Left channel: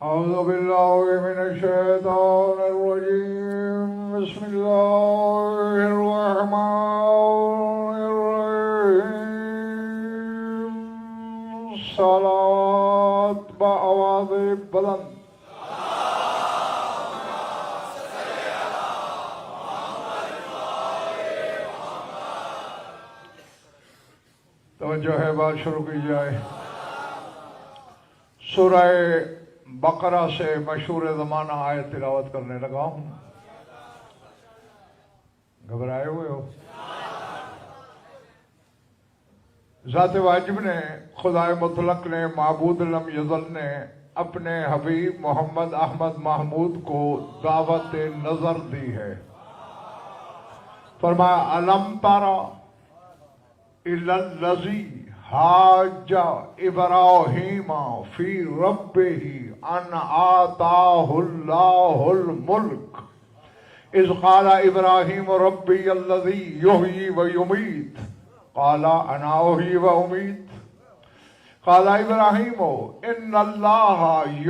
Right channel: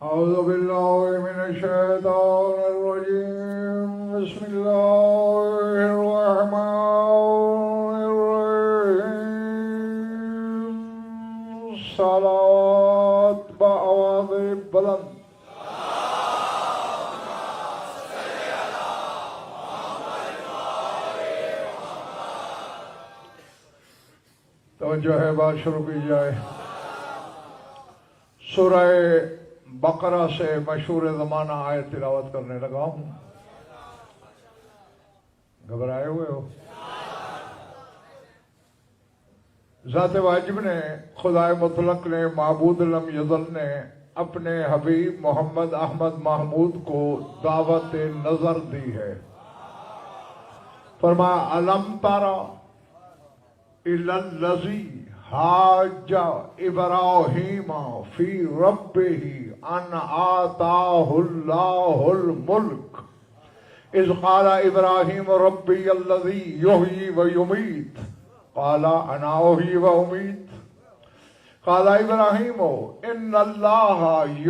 أعوذ بالله من الشيطان الرجيم بسم الله الرحمن الرحيم صلاة بآواز بلند توجہ ہے بات شروع کی جائے۔ سورہ بقرہ سے مشہور زمانہ آیت تلاوت کرنے لگا ہوں۔ گھبرائے ہوئے ہو؟ ذات واجب نے، خدائے مطلق نے، معبود لم یزل نے اپنے حبیب محمد احمد محمود کو دعوت نظر دی ہے۔ فرمایا الم ترى إلى الذي حاج إبراهيم في ربه أن آتاه الله الملك إذ قال إبراهيم ربي الذي يحيي ويميت قال أنا أحيي وأميت قال إبراهيم إن الله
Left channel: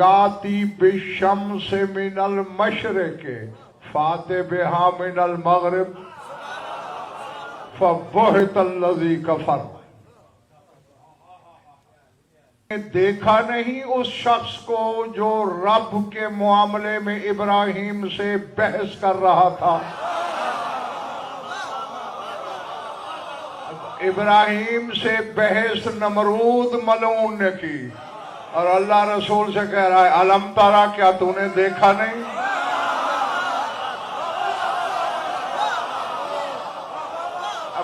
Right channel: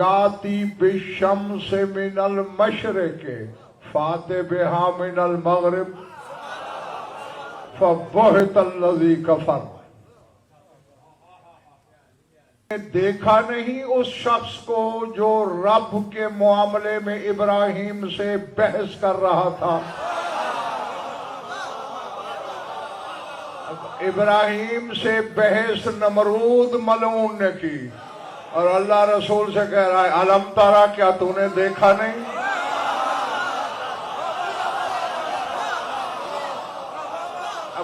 يأتي بالشمس من المشرق فأت بها من المغرب فبہت الذی کفر۔ دیکھا نہیں اس شخص کو جو رب کے معاملے میں ابراہیم سے بحث کر رہا تھا۔ ابراہیم سے بحث نمرود ملعون نے کی، اور اللہ رسول سے کہہ رہا ہے الم ترى، کیا تو نے دیکھا نہیں؟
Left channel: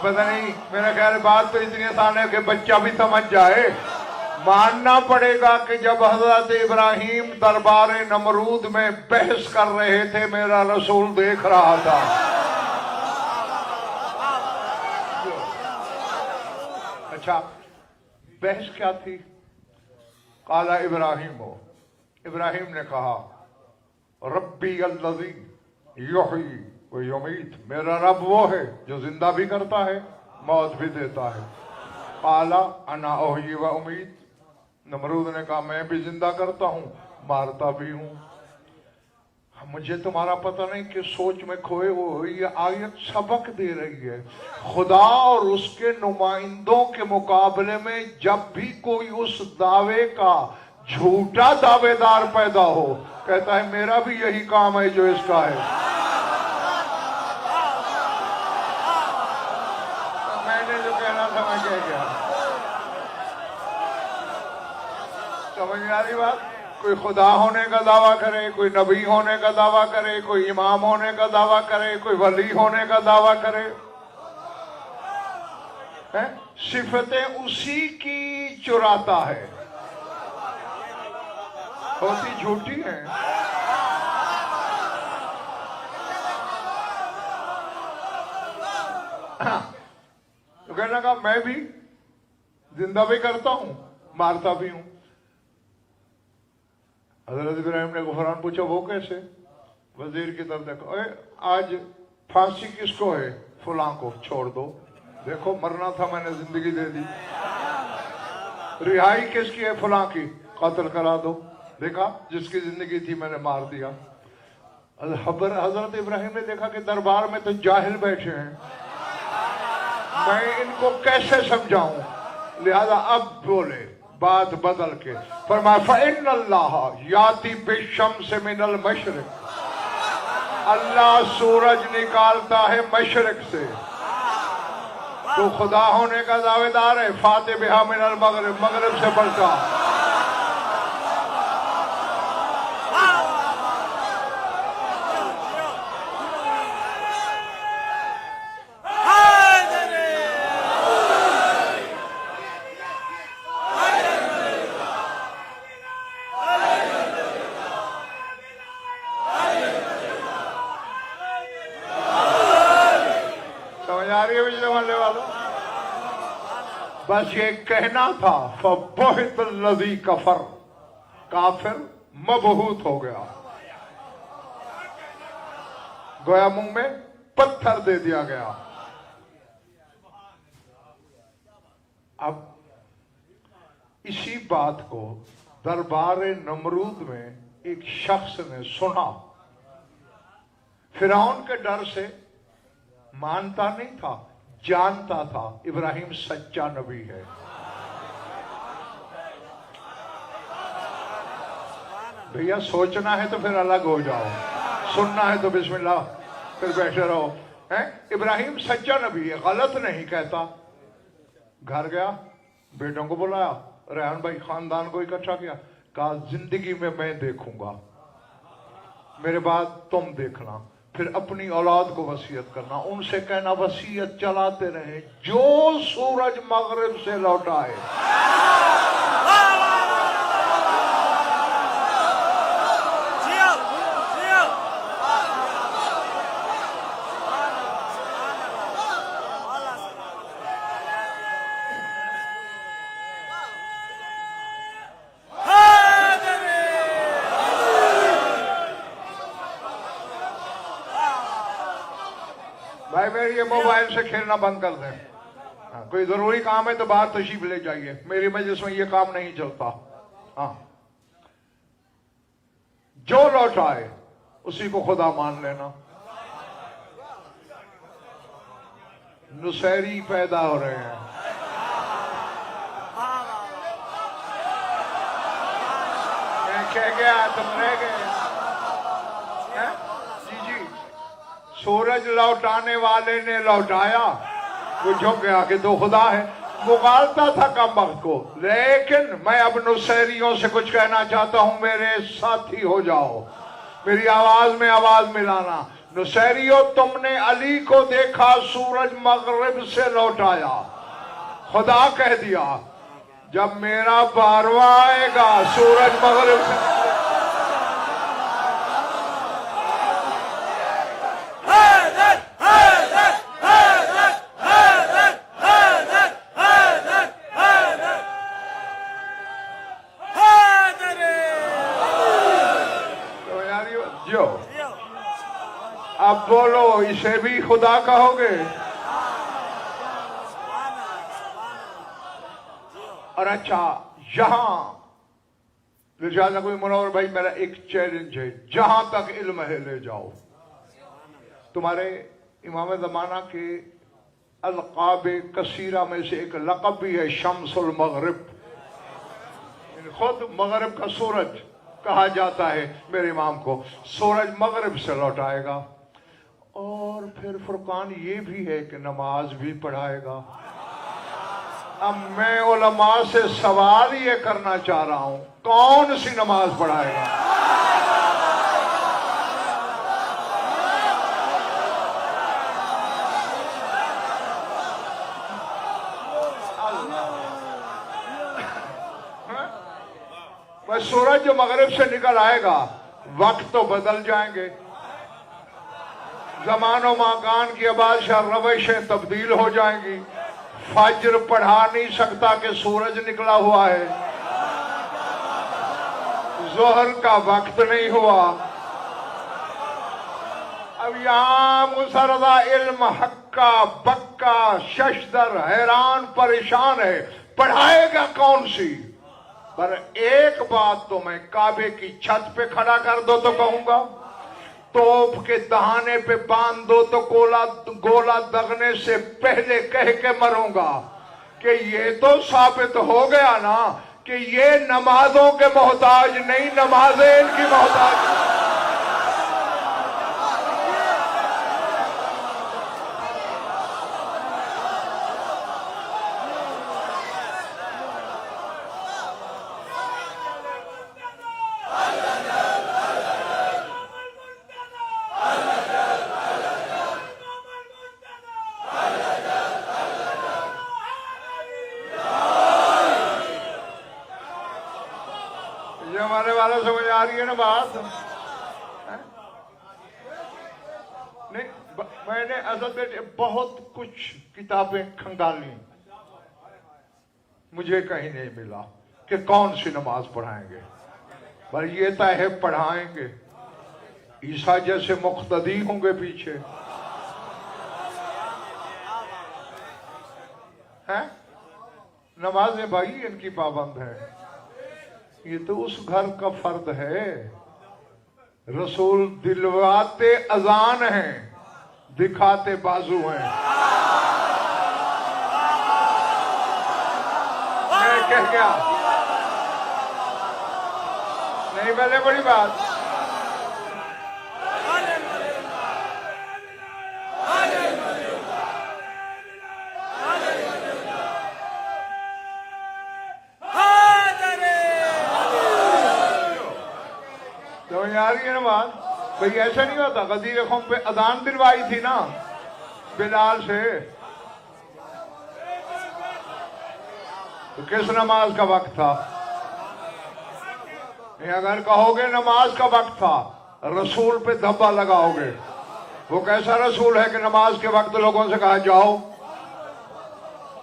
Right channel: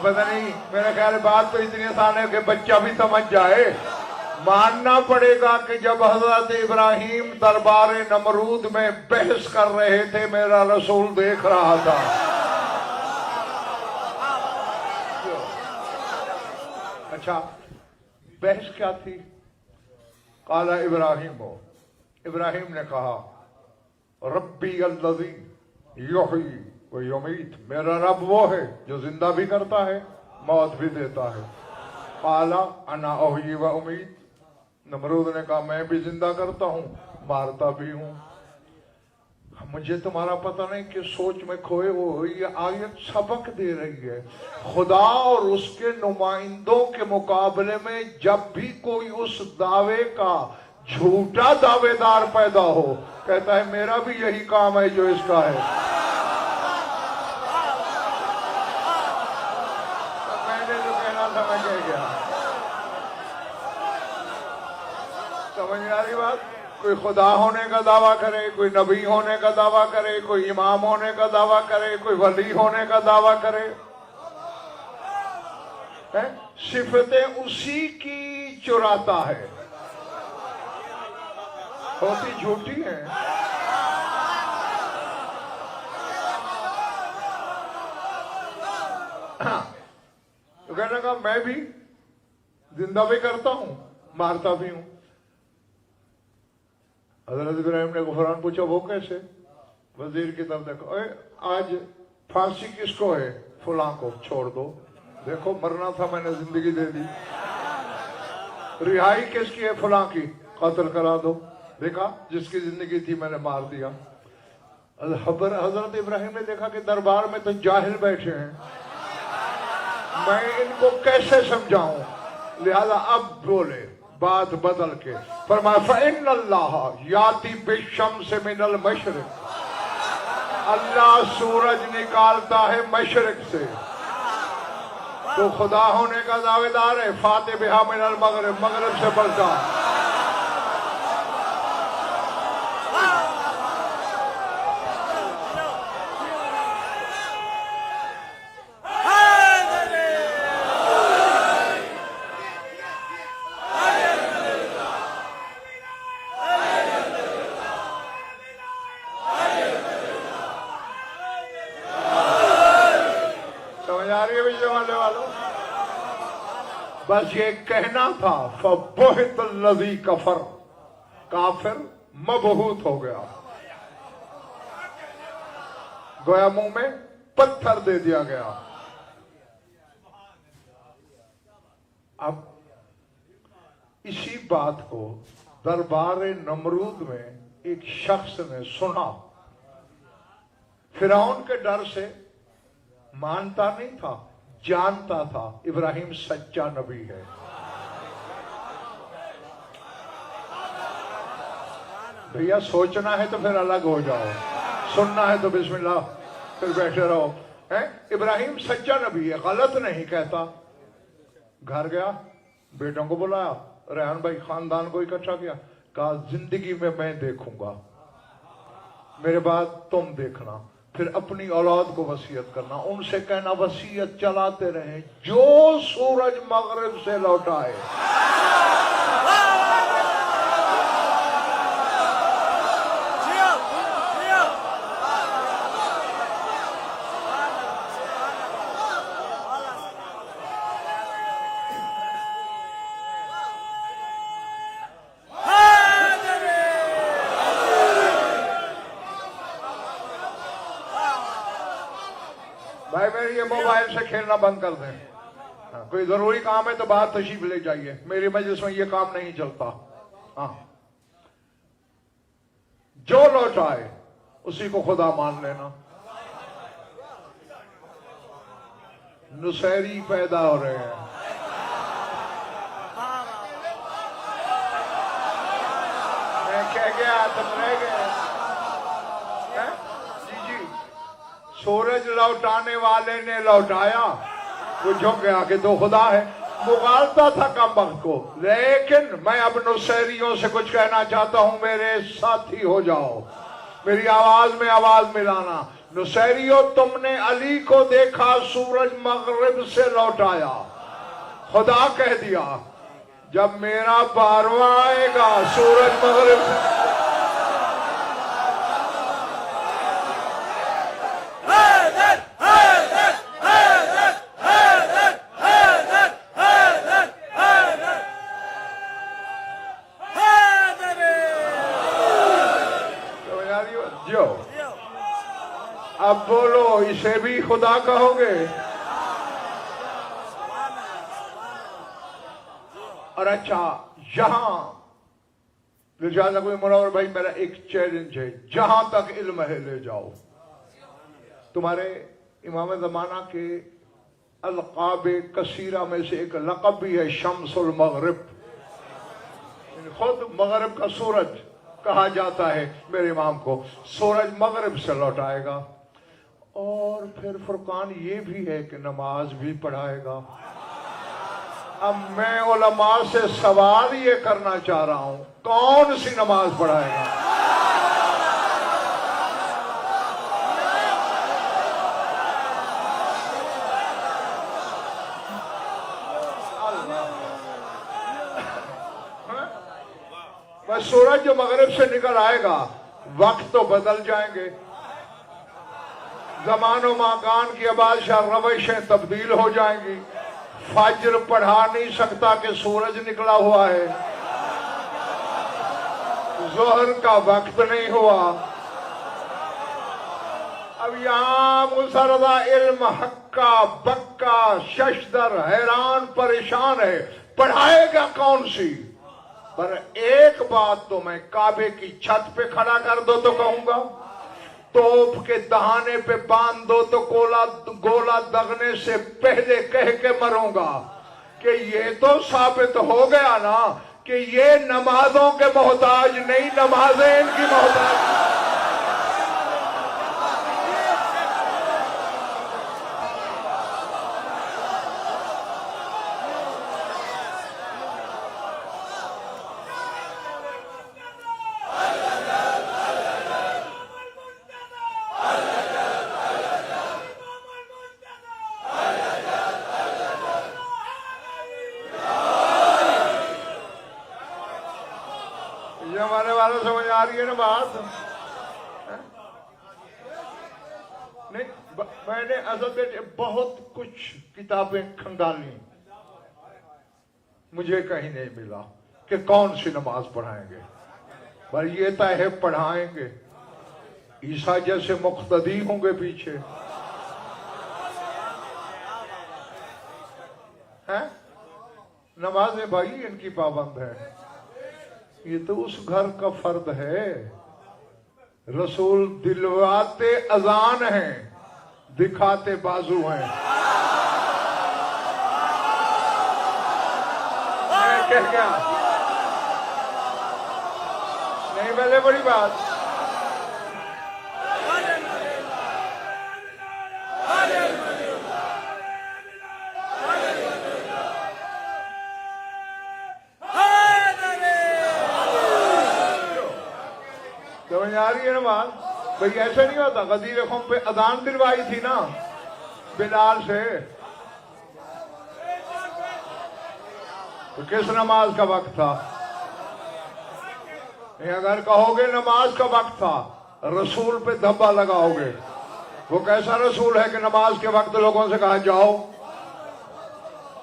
پتہ نہیں، میرا خیال بات تو اتنی آسان ہے کہ بچہ بھی سمجھ جائے۔ ماننا پڑے گا کہ جب حضرت ابراہیم دربار نمرود میں بحث کر رہے تھے میرا رسول دیکھ رہا تھا۔ اچھا، بحث کیا تھی؟ قال ابراہیم نے کہا ربی الذی یحیی ویمیت، میرا رب وہ ہے جو زندہ بھی کرتا ہے موت بھی دیتا ہے۔ قال انا احیی و امیت، نمرود نے کہا میں بھی زندہ کرتا ہوں مارتا بھی ہوں۔ مجھے تمہارا پتہ نہیں کہ سوچ میں کھوئے وہ یہ آیت سبق دے رہی ہے۔ خدا اور اس کے نمائندوں کے مقابلے میں جب بھی کوئی اس دعوے کا جھوٹا دعوے دار پیدا ہو، کہتا ہے میرا بھی یہی کام ہے جو اس کا ہے۔ سمجھ میں آ رہی بات؟ کوئی خدا ہونے کا دعویٰ کرے، کوئی نبی ہونے کا دعویٰ کرے، کوئی امام ہونے کا دعویٰ کرے، کوئی ولی ہونے کا دعویٰ کرے، صفتیں اسی کی چراتا ہے، ہوتی جھوٹی ہیں۔ تو کہنے لگا میں بھی زندہ بھی کرتا ہوں مارتا بھی ہوں۔ حضرت ابراہیم نے غفران پوچھا وہ کیسے؟ وزیر کی طرف دیکھو، آج پھانسی کس کو ہے؟ فلاں کو، چھوڑ دو، دیکھو مرنا تھا میں نے زندگی دے دی۔ رہائی کس کی ہے؟ فلاں کی، قتل کرا دو، دیکھا جس کی زندگی تھی میں نے مار دیا۔ حضرت ابراہیم نے دیکھا کہ دربار میں تو جاہل بیٹھے ہیں، میں ان کو کیسے سمجھاؤں، لہذا اب بولے بات بدل کے، فرمایا فَإِنَّ اللَّهَ يَأْتِي بِالشَّمْسِ مِنَ الْمَشْرِقِ، اللہ سورج نکالتا ہے مشرق سے۔ تو خدا ہونے کا دعوے دار ہے، فَأْتِ بِهَا مِنَ الْمَغْرِبِ، مغرب سے بڑھتا۔ بس یہ کہنا تھا فَبُہِتَ الَّذِي کفر، کافر مبہوت ہو گیا، گویا منہ میں پتھر دے دیا گیا۔ اب اسی بات کو دربار نمرود میں ایک شخص نے سنا، فرعون کے ڈر سے مانتا نہیں تھا، جانتا تھا ابراہیم سچا نبی ہے۔ بھیا سوچنا ہے تو پھر الگ ہو جاؤ، سننا ہے تو بسم اللہ پھر بیٹھے رہو۔ ابراہیم سچا نبی ہے، غلط نہیں کہتا۔ گھر گیا، بیٹوں کو بلایا، ریحان بھائی خاندان کو اکٹھا کیا، کہا زندگی میں میں دیکھوں گا، میرے بعد تم دیکھنا، پھر اپنی اولاد کو وصیت کرنا، ان سے کہنا وصیت چلاتے رہیں، جو سورج مغرب سے لوٹائے بھائی میرے یہ موبائل سے کھیلنا بند کر دیں۔ کوئی ضروری کام ہے تو باہر تشریف لے جائیے، میری مجلس میں یہ کام نہیں چلتا۔ ہاں، جو لوٹائے اسی کو خدا مان لینا۔ نصیری پیدا ہو رہے ہیں، میں کہہ گیا تم رہ گئے۔ جی سورج لوٹانے والے نے لوٹایا، وہ جھک گیا کہ تو خدا ہے، مغالتا تھا کم وقت کو۔ لیکن میں اب نصیریوں سے کچھ کہنا چاہتا ہوں، میرے ساتھی ہو جاؤ، میری آواز میں آواز ملانا۔ نصیریوں، تم نے علی کو دیکھا سورج مغرب سے لوٹایا، خدا کہہ دیا جب میرا 12واں آئے گا سورج مغرب سے اب بولو، اسے بھی خدا کہو گے؟ اور اچھا یہاں لہٰذا کوئی منور بھائی، میرا ایک چیلنج ہے، جہاں تک علم ہے لے جاؤ۔ تمہارے امام زمانہ کے القاب کثیرہ میں سے ایک لقب بھی ہے شمس المغرب، یعنی خود مغرب کا سورج کہا جاتا ہے میرے امام کو، سورج مغرب سے لوٹائے گا۔ اور پھر فرقان یہ بھی ہے کہ نماز بھی پڑھائے گا۔ اب میں علماء سے سوال یہ کرنا چاہ رہا ہوں، کون سی نماز پڑھائے گا؟ بس سورج جو مغرب سے نکل آئے گا، وقت تو بدل جائیں گے، زمان و مکان کی بادشاہ روشیں تبدیل ہو جائیں گی۔ فجر پڑھا نہیں سکتا کہ سورج نکلا ہوا ہے، ظہر کا وقت نہیں ہوا۔ اب یہاں مسرہ علم حقہ بکا ششدر حیران پریشان ہے، پڑھائے گا کون سی؟ پر ایک بات تو میں کعبے کی چھت پہ کھڑا کر دو تو کہوں گا، توپ کے دہانے پہ باندھ دو تو گولا دغنے سے پہلے کہہ کے مروں گا کہ یہ تو ثابت ہو گیا نا کہ یہ نمازوں کے محتاج نہیں، نمازیں ان کی محتاج۔ ہمارے والوں سمجھ آ رہی ہے نا بات؟ نہیں، میں نے اصل میں بہت کچھ کتابیں کھنگالی، مجھے کہیں نہیں ملا کہ کون سی نماز پڑھائیں گے، پر یہ طے ہے پڑھائیں گے۔ عیسیٰ جیسے مقتدی ہوں گے پیچھے، نمازیں بھائی ان کی پابند ہے۔ یہ تو اس گھر کا فرد ہے رسول دلواتے اذان ہیں، دکھاتے بازو ہیں۔ میں کہہ گیا نہیں پہلے بڑی بات۔ سمجھ آ رہی ہے نا بات؟ بھئی ایسا نہیں ہوتا، غدیر خم پہ اذان دلوائی تھی نا بلال سے، تو کس نماز کا وقت تھا؟ اگر کہو گے نماز کا وقت تھا، رسول پہ دھبا لگاؤ گے۔ وہ کیسا رسول ہے کہ نماز کے وقت لوگوں سے کہا جاؤ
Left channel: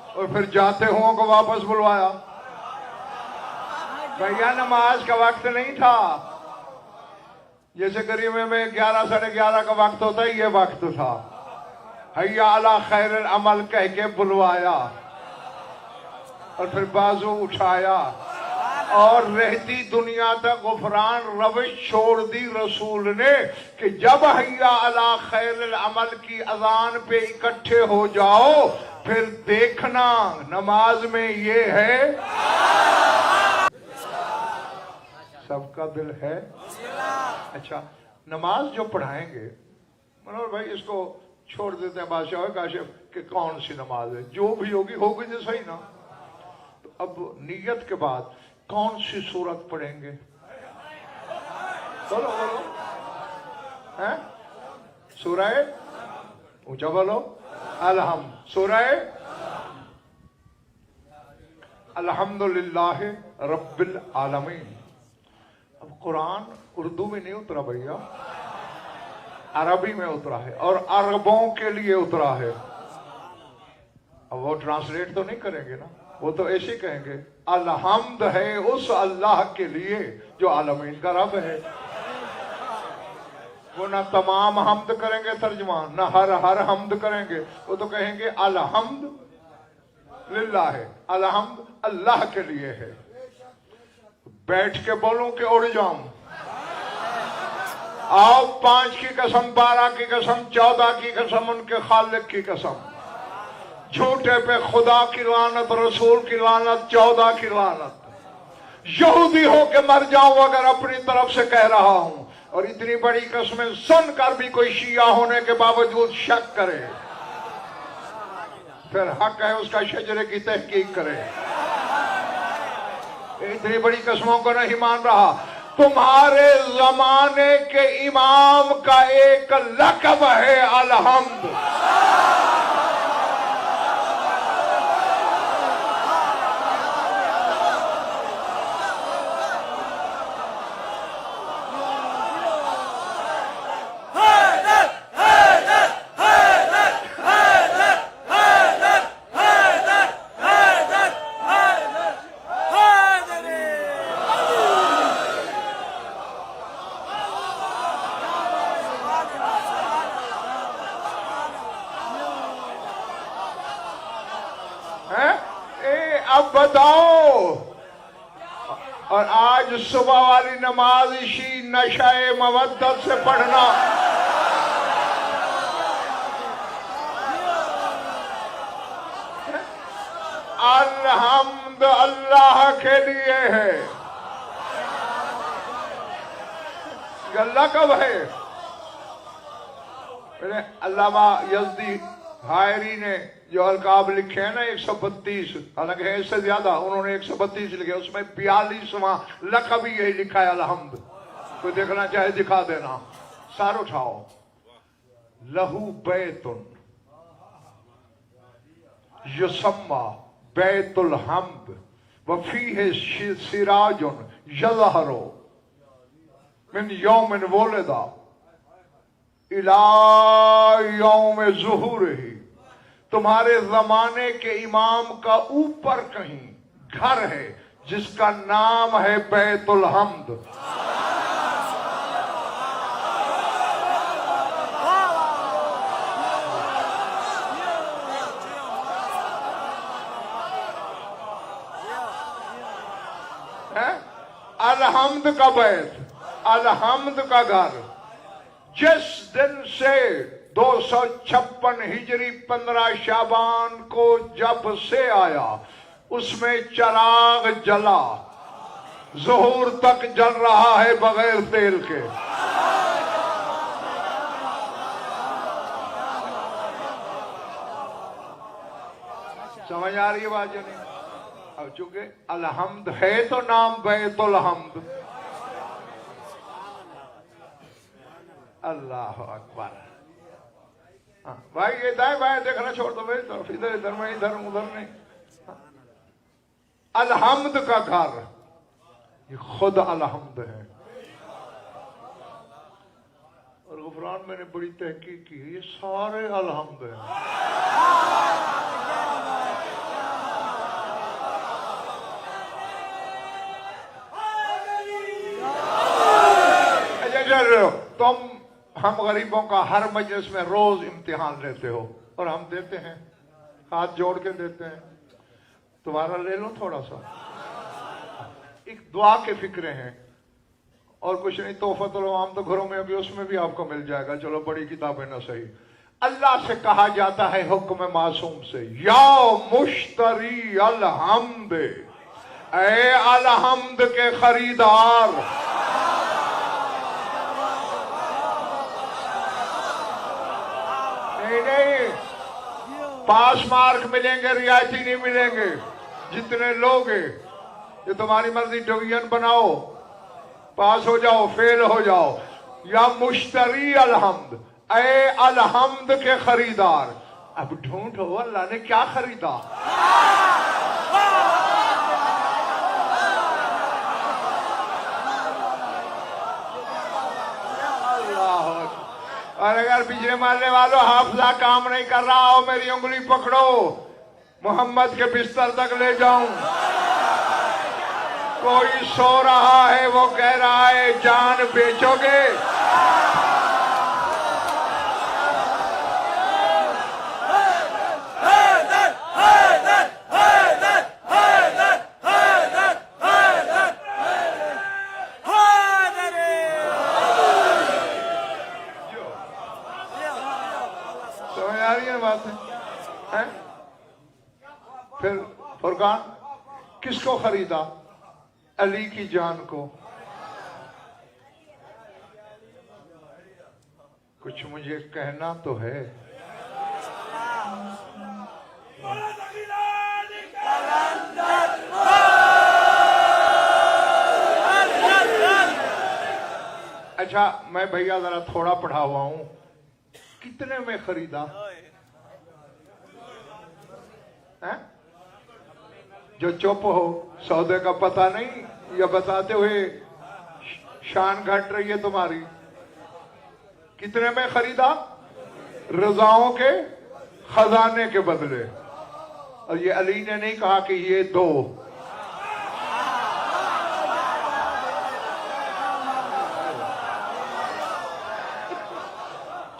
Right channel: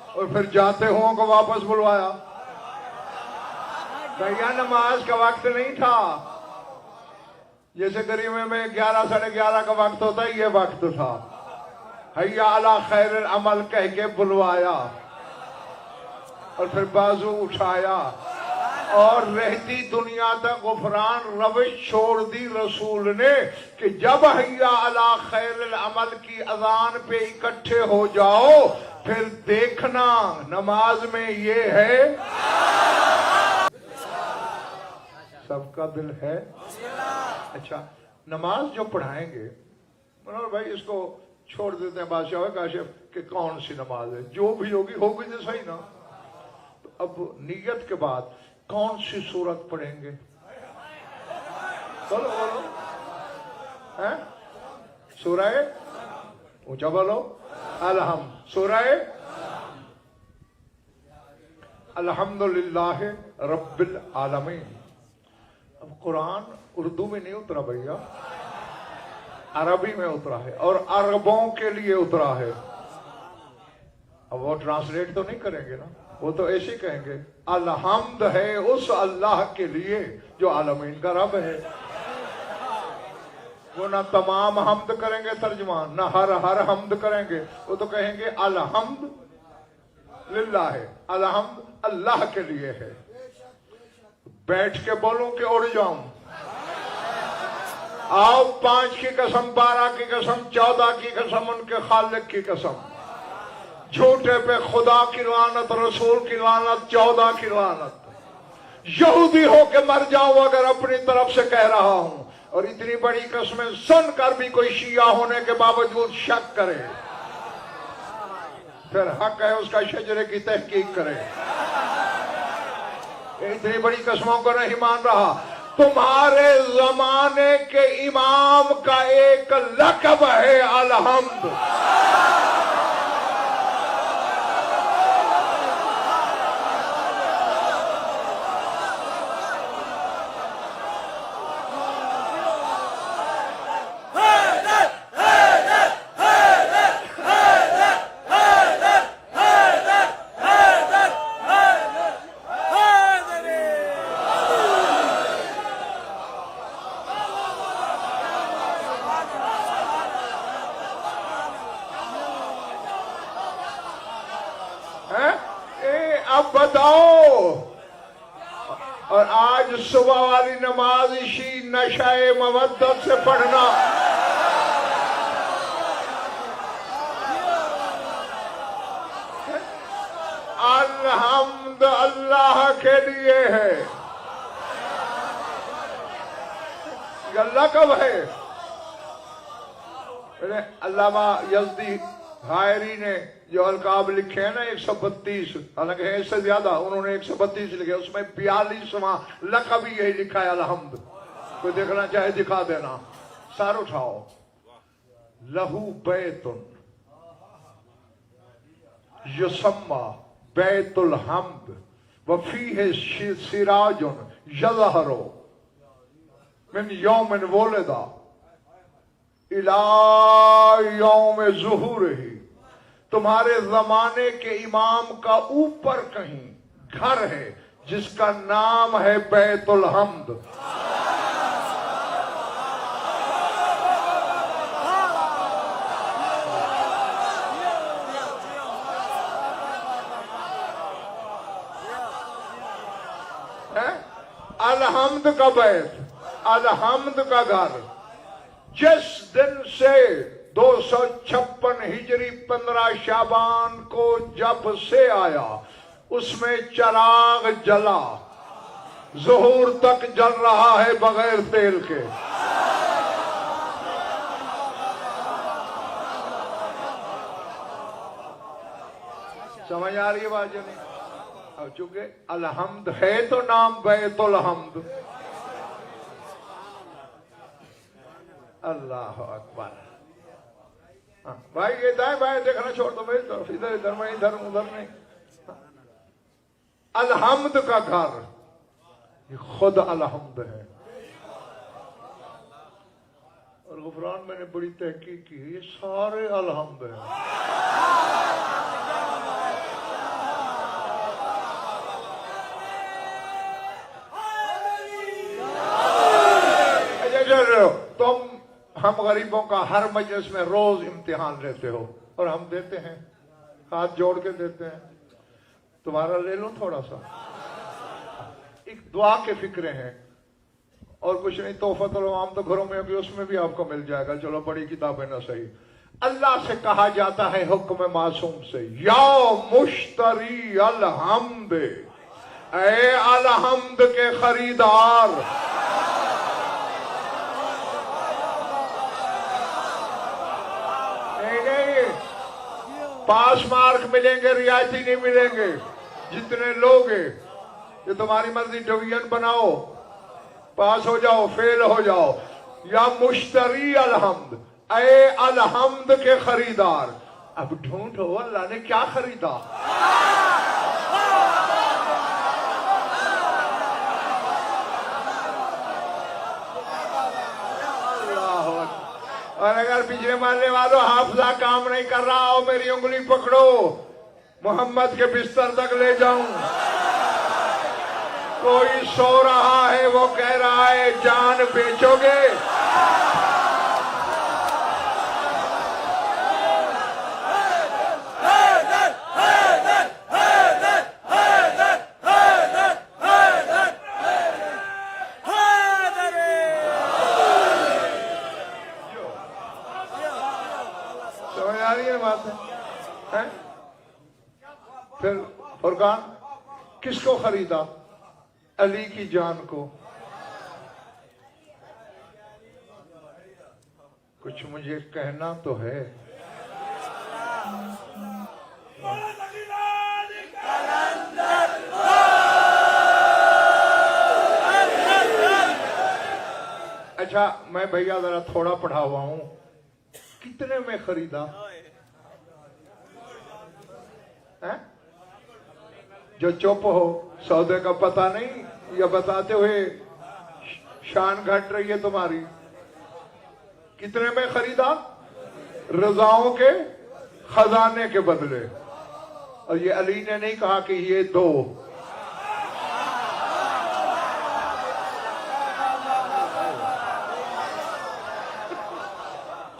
اور پھر جاتے ہوں کو واپس بلوایا؟ بھیا نماز کا وقت نہیں تھا، جیسے گریمے میں 11 ساڑھے 11 کا وقت ہوتا ہے، یہ وقت تھا۔ حیا علی خیر العمل کہہ کے بلوایا اور پھر بازو اٹھایا اور رہتی دنیا تک غفران روش چھوڑ دی رسول نے کہ جب حیا علی خیر العمل کی اذان پہ اکٹھے ہو جاؤ پھر دیکھنا نماز میں یہ ہے۔ سب کا دل ہے؟ اچھا نماز جو پڑھائیں گے منور بھائی اس کو چھوڑ دیتے ہیں بادشاہ کاشف کہ کون سی نماز ہے، جو بھی ہوگی ہوگی تو صحیح نا۔ تو اب نیت کے بعد کون سی سورت پڑھیں گے؟ بولو بولو، ہیں؟ سورہ اونچا بولو، الحمد، سورہ الحمدللہ رب العالمین۔ اب قرآن اردو میں نہیں اترا بھیا، عربی میں اترا ہے اور عربوں کے لیے اترا ہے۔ اب وہ ٹرانسلیٹ تو نہیں کریں گے نا، وہ تو ایسے کہیں گے الحمد ہے اس اللہ کے لیے جو عالمین کا رب ہے۔ وہ نہ تمام حمد کریں گے ترجمان، نہ ہر حمد کریں گے، وہ تو کہیں گے الحمد للہ ہے، الحمد اللہ کے لیے ہے۔ بیٹھ کے بولوں کہ اڑ جاؤں؟ آؤ 5 کی قسم، 12 کی قسم، 14 کی قسم، ان کے خالق کی قسم، جھوٹے پہ خدا کی لعنت، رسول کی لعنت، 14 کی لعنت۔ یہودی ہو کے مر جاؤں اگر اپنی طرف سے کہہ رہا ہوں، اور اتنی بڑی قسمیں سن کر بھی کوئی شیعہ ہونے کے باوجود شک کرے، پھر حق ہے اس کا شجرے کی تحقیق کرے۔ اتنی بڑی قسموں کو نہیں مان رہا۔ تمہارے زمانے کے امام کا ایک لقب ہے الحمد۔ اب بتاؤ، اور آج صبح والی نماز اسی نشہ مودت سے پڑھنا۔ الحمد اللہ کے لیے ہے، یہ اللہ کب ہے؟ علامہ یزدی حائری نے جو القاب لکھے ہیں نا 132، حالانکہ ہے اس سے زیادہ، انہوں نے 132 لکھے، اس میں 42واں لقب ہی یہی لکھا ہے الحمد۔ کوئی دیکھنا چاہے دکھا دینا، سار اٹھاؤ۔ لہو بیت یسمى بیت الحمد وفیہ سراج یظہر من یوم ولد الی یوم ظہورہ۔ تمہارے زمانے کے امام کا اوپر کہیں گھر ہے جس کا نام ہے بیت الحمد۔ الحمد کا بیت، الحمد کا گھر جس دن سے 256 ہجری 15 شعبان کو جب سے آیا اس میں چراغ جلا، ظہور تک جل رہا ہے بغیر تیل کے۔ سمجھ آ رہی ہے بات جو نہیں؟ اب چونکہ الحمد ہے تو نام بیت الحمد۔ اللہ اکبر۔ بھائی یہ دائیں بائیں دیکھنا چھوڑ دو میری طرف، ادھر ادھر میں ادھر ادھر نہیں۔ الحمد کا گھر یہ خود الحمد ہے۔ اور غفران میں نے بڑی تحقیق کی ہے، یہ سارے الحمد ہیں۔ تم ہم غریبوں کا ہر مجلس میں روز امتحان لیتے ہو اور ہم دیتے ہیں، ہاتھ جوڑ کے دیتے ہیں۔ تمہارا لے لوں تھوڑا سا، ایک دعا کے فکرے ہیں اور کچھ نہیں۔ تحفۃ العوام تو گھروں میں ابھی اس میں بھی آپ کو مل جائے گا، چلو بڑی کتابیں نہ صحیح۔ اللہ سے کہا جاتا ہے حکم معصوم سے، یا مشتری الحمد، اے الحمد کے خریدار، پاس مارک ملیں گے، رعایتی نہیں ملیں گے۔ جتنے لوگ ہیں یہ تمہاری مرضی، ڈویژن بناؤ، پاس ہو جاؤ، فیل ہو جاؤ۔ یا مشتری الحمد، اے الحمد کے خریدار۔ اب ڈھونڈو اللہ نے کیا خریدا۔ اور اگر پچھلے محلے والوں حافظہ کام نہیں کر رہا ہو، میری انگلی پکڑو، محمد کے بستر تک لے جاؤں۔ کوئی سو رہا ہے، وہ کہہ رہا ہے جان بیچو گے؟ پھر فرقان کس کو خریدا؟ علی کی جان کو۔ کچھ مجھے کہنا تو ہے۔ اچھا میں بھیا ذرا تھوڑا پڑھا ہوا ہوں، کتنے میں خریدا؟ جو چپ ہو، سودے کا پتہ نہیں، یا بتاتے ہوئے شان گھٹ رہی ہے تمہاری۔ کتنے میں خریدا؟ رضاؤں کے خزانے کے بدلے۔ اور یہ علی نے نہیں کہا کہ یہ دو،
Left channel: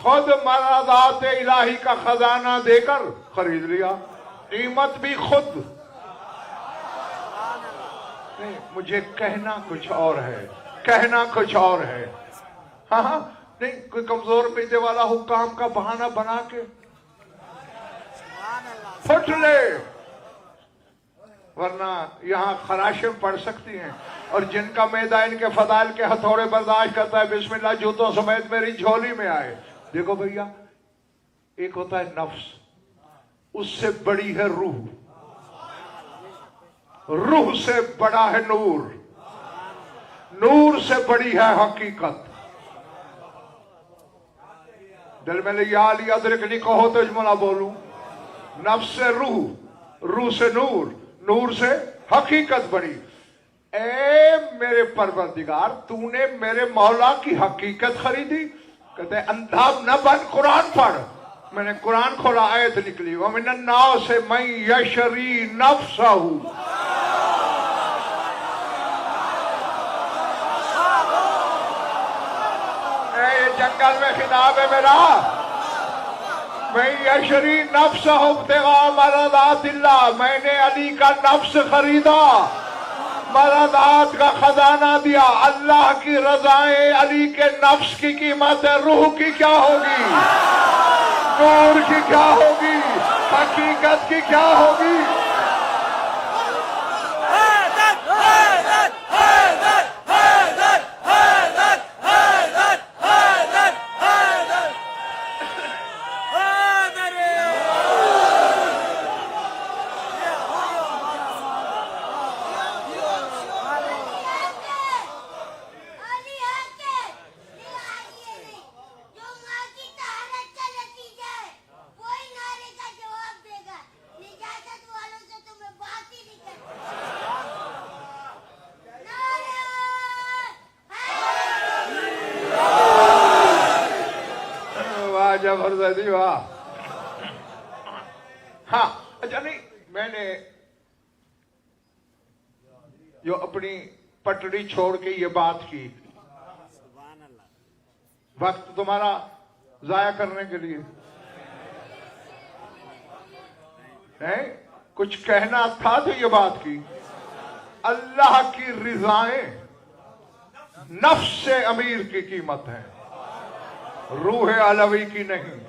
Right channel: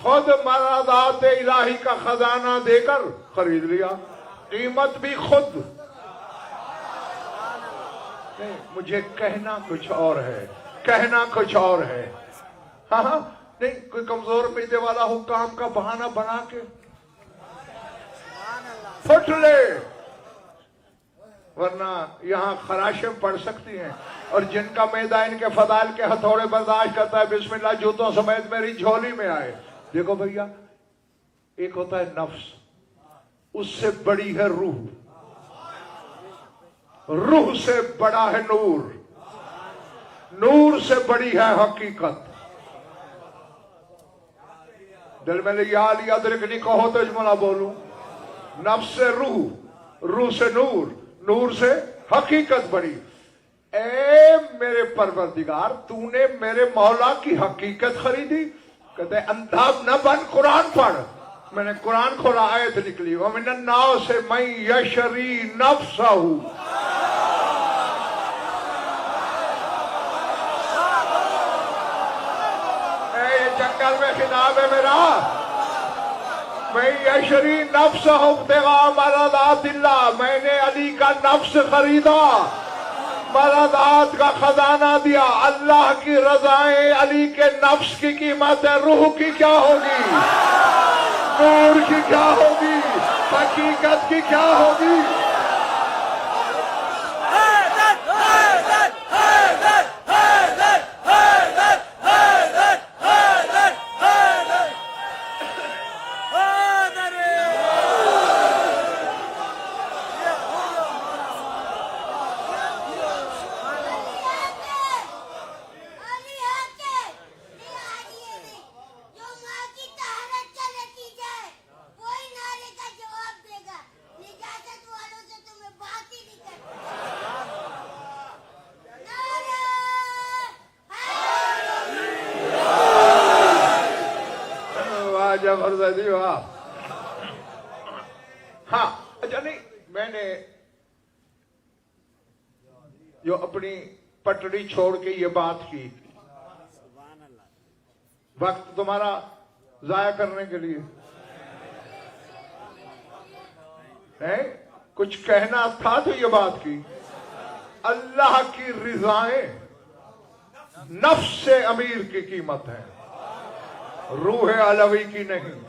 خود مرادات الہی کا خزانہ دے کر خرید لیا، قیمت بھی خود۔ نہیں، مجھے کہنا کچھ اور ہے، کہنا کچھ اور ہے۔ ہاں ہاں نہیں، کوئی کمزور پیٹے والا حکام کا بہانہ بنا کے پھٹ لے، ورنہ یہاں خراشیں پڑ سکتی ہیں۔ اور جن کا میدہ ان کے فضائل کے ہتھوڑے برداشت کرتا ہے، بسم اللہ جوتوں سمیت میری جھولی میں آئے۔ دیکھو بھیا، ایک ہوتا ہے نفس، اس سے بڑی ہے روح، روح سے بڑا ہے نور، نور سے بڑی ہے حقیقت۔ دل میں یا علی ادرکنی کہو تو اجملہ بولوں، نفس سے روح، روح سے نور، نور سے حقیقت بڑی۔ اے میرے پروردگار، تو نے میرے مولا کی حقیقت خریدی؟ کہتے ہیں اندھا نہ بن، قرآن پڑھ۔ میں نے قرآن کھولا، آیت نکلی، وَمِنَ النَّاسِ مَن يَشْرِي نَفْسَهُ۔ اے جنگل میں خطاب ہے میرا، مَن يَشْرِي نَفْسَهُ ابْتِغَاءَ مَرْضَاتِ اللَّهِ، میں نے علی کا نفس خریدا مدد کا خزانہ دیا، اللہ کی رضائیں، علی کے نفس کی قیمت ہے، روح کی کیا ہوگی، نور کی کیا ہوگی، حقیقت کی کیا ہوگی؟ زبردستی واہ. ہاں اچھا، نہیں میں نے جو اپنی پٹڑی چھوڑ کے یہ بات کی، وقت تمہارا ضائع کرنے کے لیے کچھ کہنا تھا تو یہ بات کی. اللہ کی رضائیں نفس سے امیر کی قیمت ہے، روح علوی کی نہیں،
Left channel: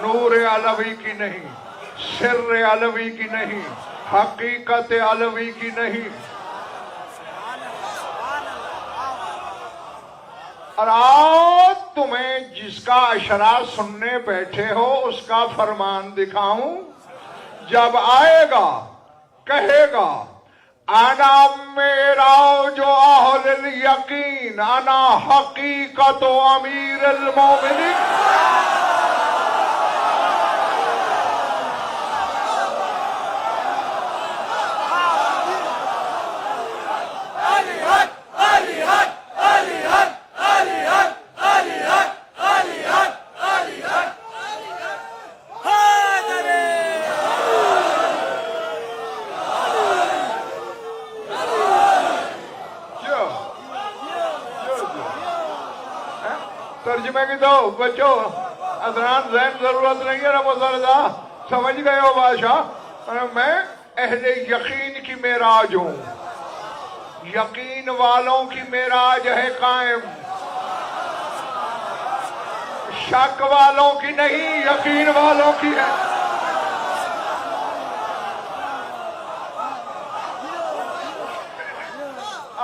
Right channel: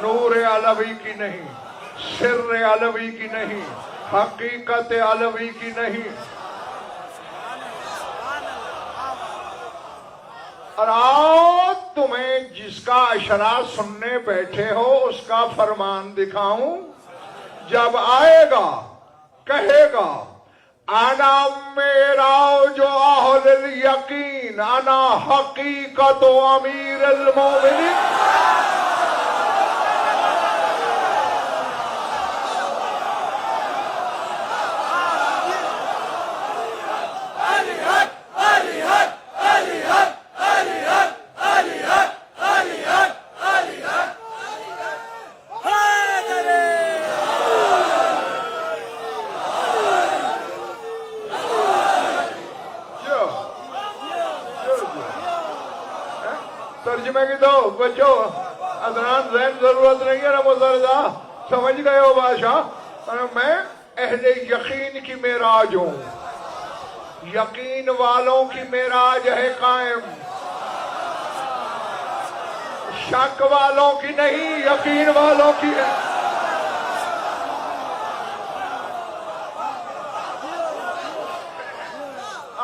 نور علوی کی نہیں، سر علوی کی نہیں، حقیقت علوی کی نہیں. اور آج تمہیں جس کا اشارہ سننے بیٹھے ہو اس کا فرمان دکھاؤں. جب آئے گا کہے گا انا میرا جو اہل الیقین، انا حقیقت و امیر المومنین. ترجمے کی تو بچوں ادنان ذہن ضرورت نہیں ہے نا مزرزہ، سمجھ گئے ہو بادشاہ. میں اہل یقین کی معراج ہوں، یقین والوں کی معراج ہے قائم، شک والوں کی نہیں، یقین والوں کی ہے.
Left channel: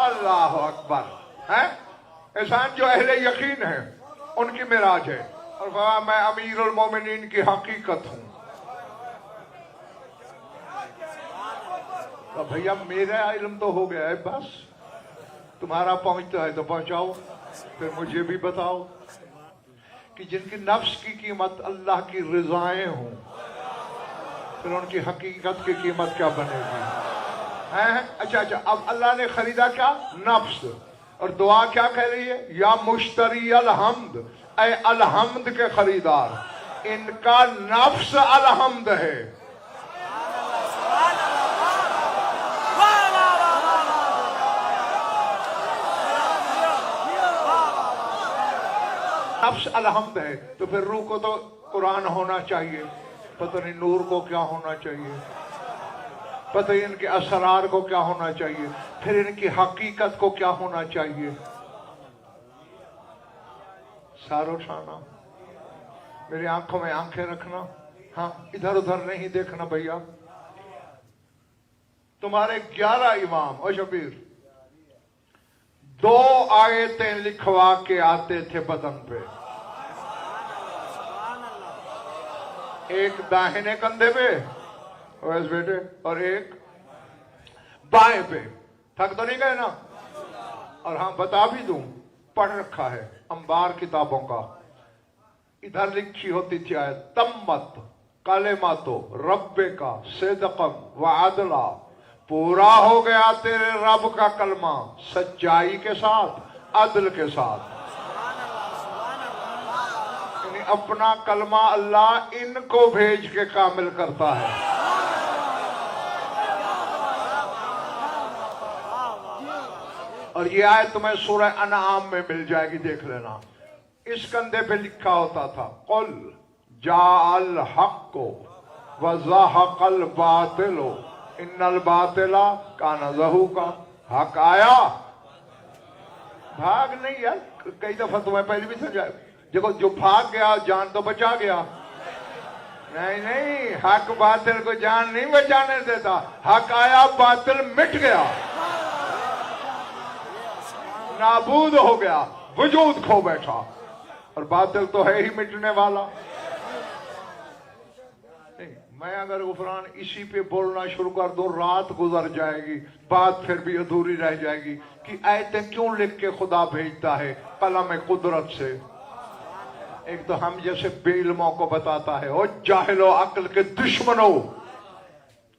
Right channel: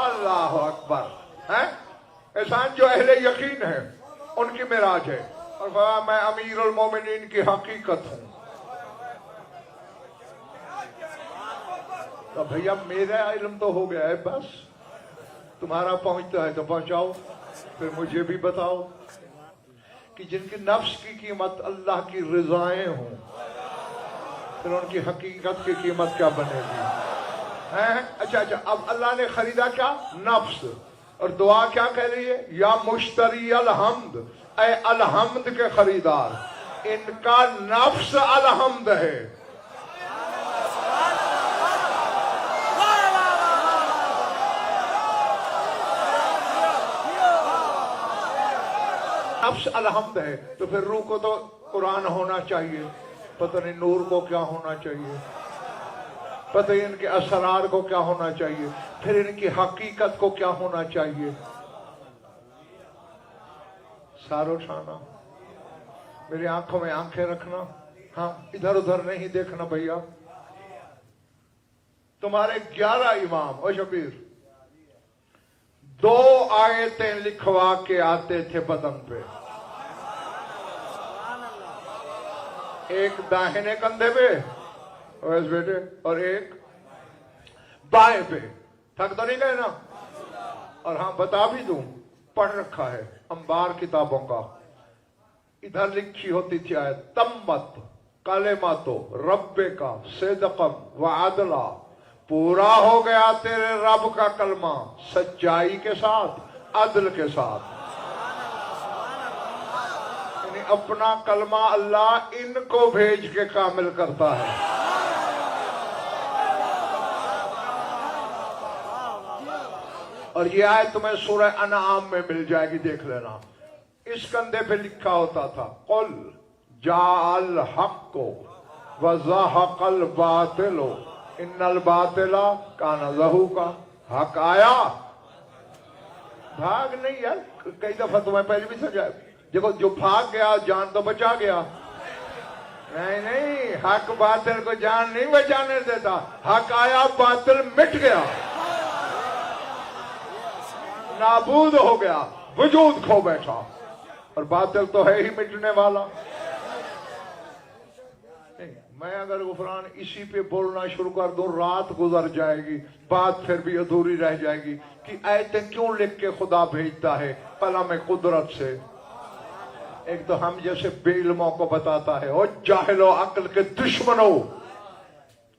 اللہ اکبر. ہے احسان جو اہل یقین ہے ان کی معراج ہے. اور فرمایا میں امیر المومنین کی حقیقت ہوں. تو بھیا میرا علم تو ہو گیا ہے، بس تمہارا پہنچتا ہے تو پہنچاؤ، پھر مجھے بھی بتاؤ کہ جن کی نفس کی قیمت اللہ کی رضائیں ہوں، پھر ان کی حقیقت کی قیمت کیا بنے گی؟ اچھا اب اللہ نے خریدا کیا؟ نفس. اور دعا کیا کہہ رہی ہے؟ یا مشتری الحمد، اے الحمد کے خریدار، ان کا نفس الحمد ہے. نفس الحمد ہے تو پھر روح کو تو قرآن ہونا چاہیے، پتہ نہیں نور کو کیا ہونا چاہیے، پتہ ان کے اسرار کو کیا ہونا چاہیے، پھر ان کی حقیقت کو کیا ہونا چاہیے. سارو شانہ میری آنکھوں میں آنکھیں رکھنا، ہاں ادھر ادھر نہیں دیکھنا بھیا. تمہارے 11 امام او شبیر 2 آیتیں لکھوا کے آتے تھے بدن پہ، ایک داہنے کندھے پہ ویس بیٹے اور ایک بائیں پہ. تھک تو نہیں گئے نا؟ اور ہاں بتا بھی دوں، پڑھ رکھا ہے انبار کتابوں کا، ادھر لکھی ہوتی تھی آیت تمت کلمۃ ربک صدقا وعدلا، پورا ہو گیا تیرے رب کا کلمہ سچائی کے ساتھ، عدل کے ساتھ. یعنی اپنا کلمہ اللہ ان کو بھیج کے کامل کرتا ہے. اور یہ آیت تمہیں سورہ انعام میں مل جائے گی، دیکھ لینا. اس کندھے پہ لکھا ہوتا تھا قل جاء الحق وزهق الباطل ان الباطلا کان زہوقا، حق آیا بھاگ نہیں یار. کئی دفعہ تمہیں پہلے بھی سمجھا، دیکھو جو بھاگ گیا جان تو بچا گیا. نہیں، حق باطل کو جان نہیں بچانے دیتا. حق آیا باطل مٹ گیا، نابود ہو گیا، وجود کھو بیٹھا. اور باطل تو ہے ہی مٹنے والا. میں اگر غفران اسی پہ بولنا شروع کر دوں رات گزر جائے گی، بات پھر بھی ادھوری رہ جائے گی کہ آیتیں کیوں لکھ کے خدا بھیجتا ہے قلم قدرت سے. ایک تو ہم جیسے بے علموں کو بتاتا ہے، اور جاہل و عقل کے دشمنوں،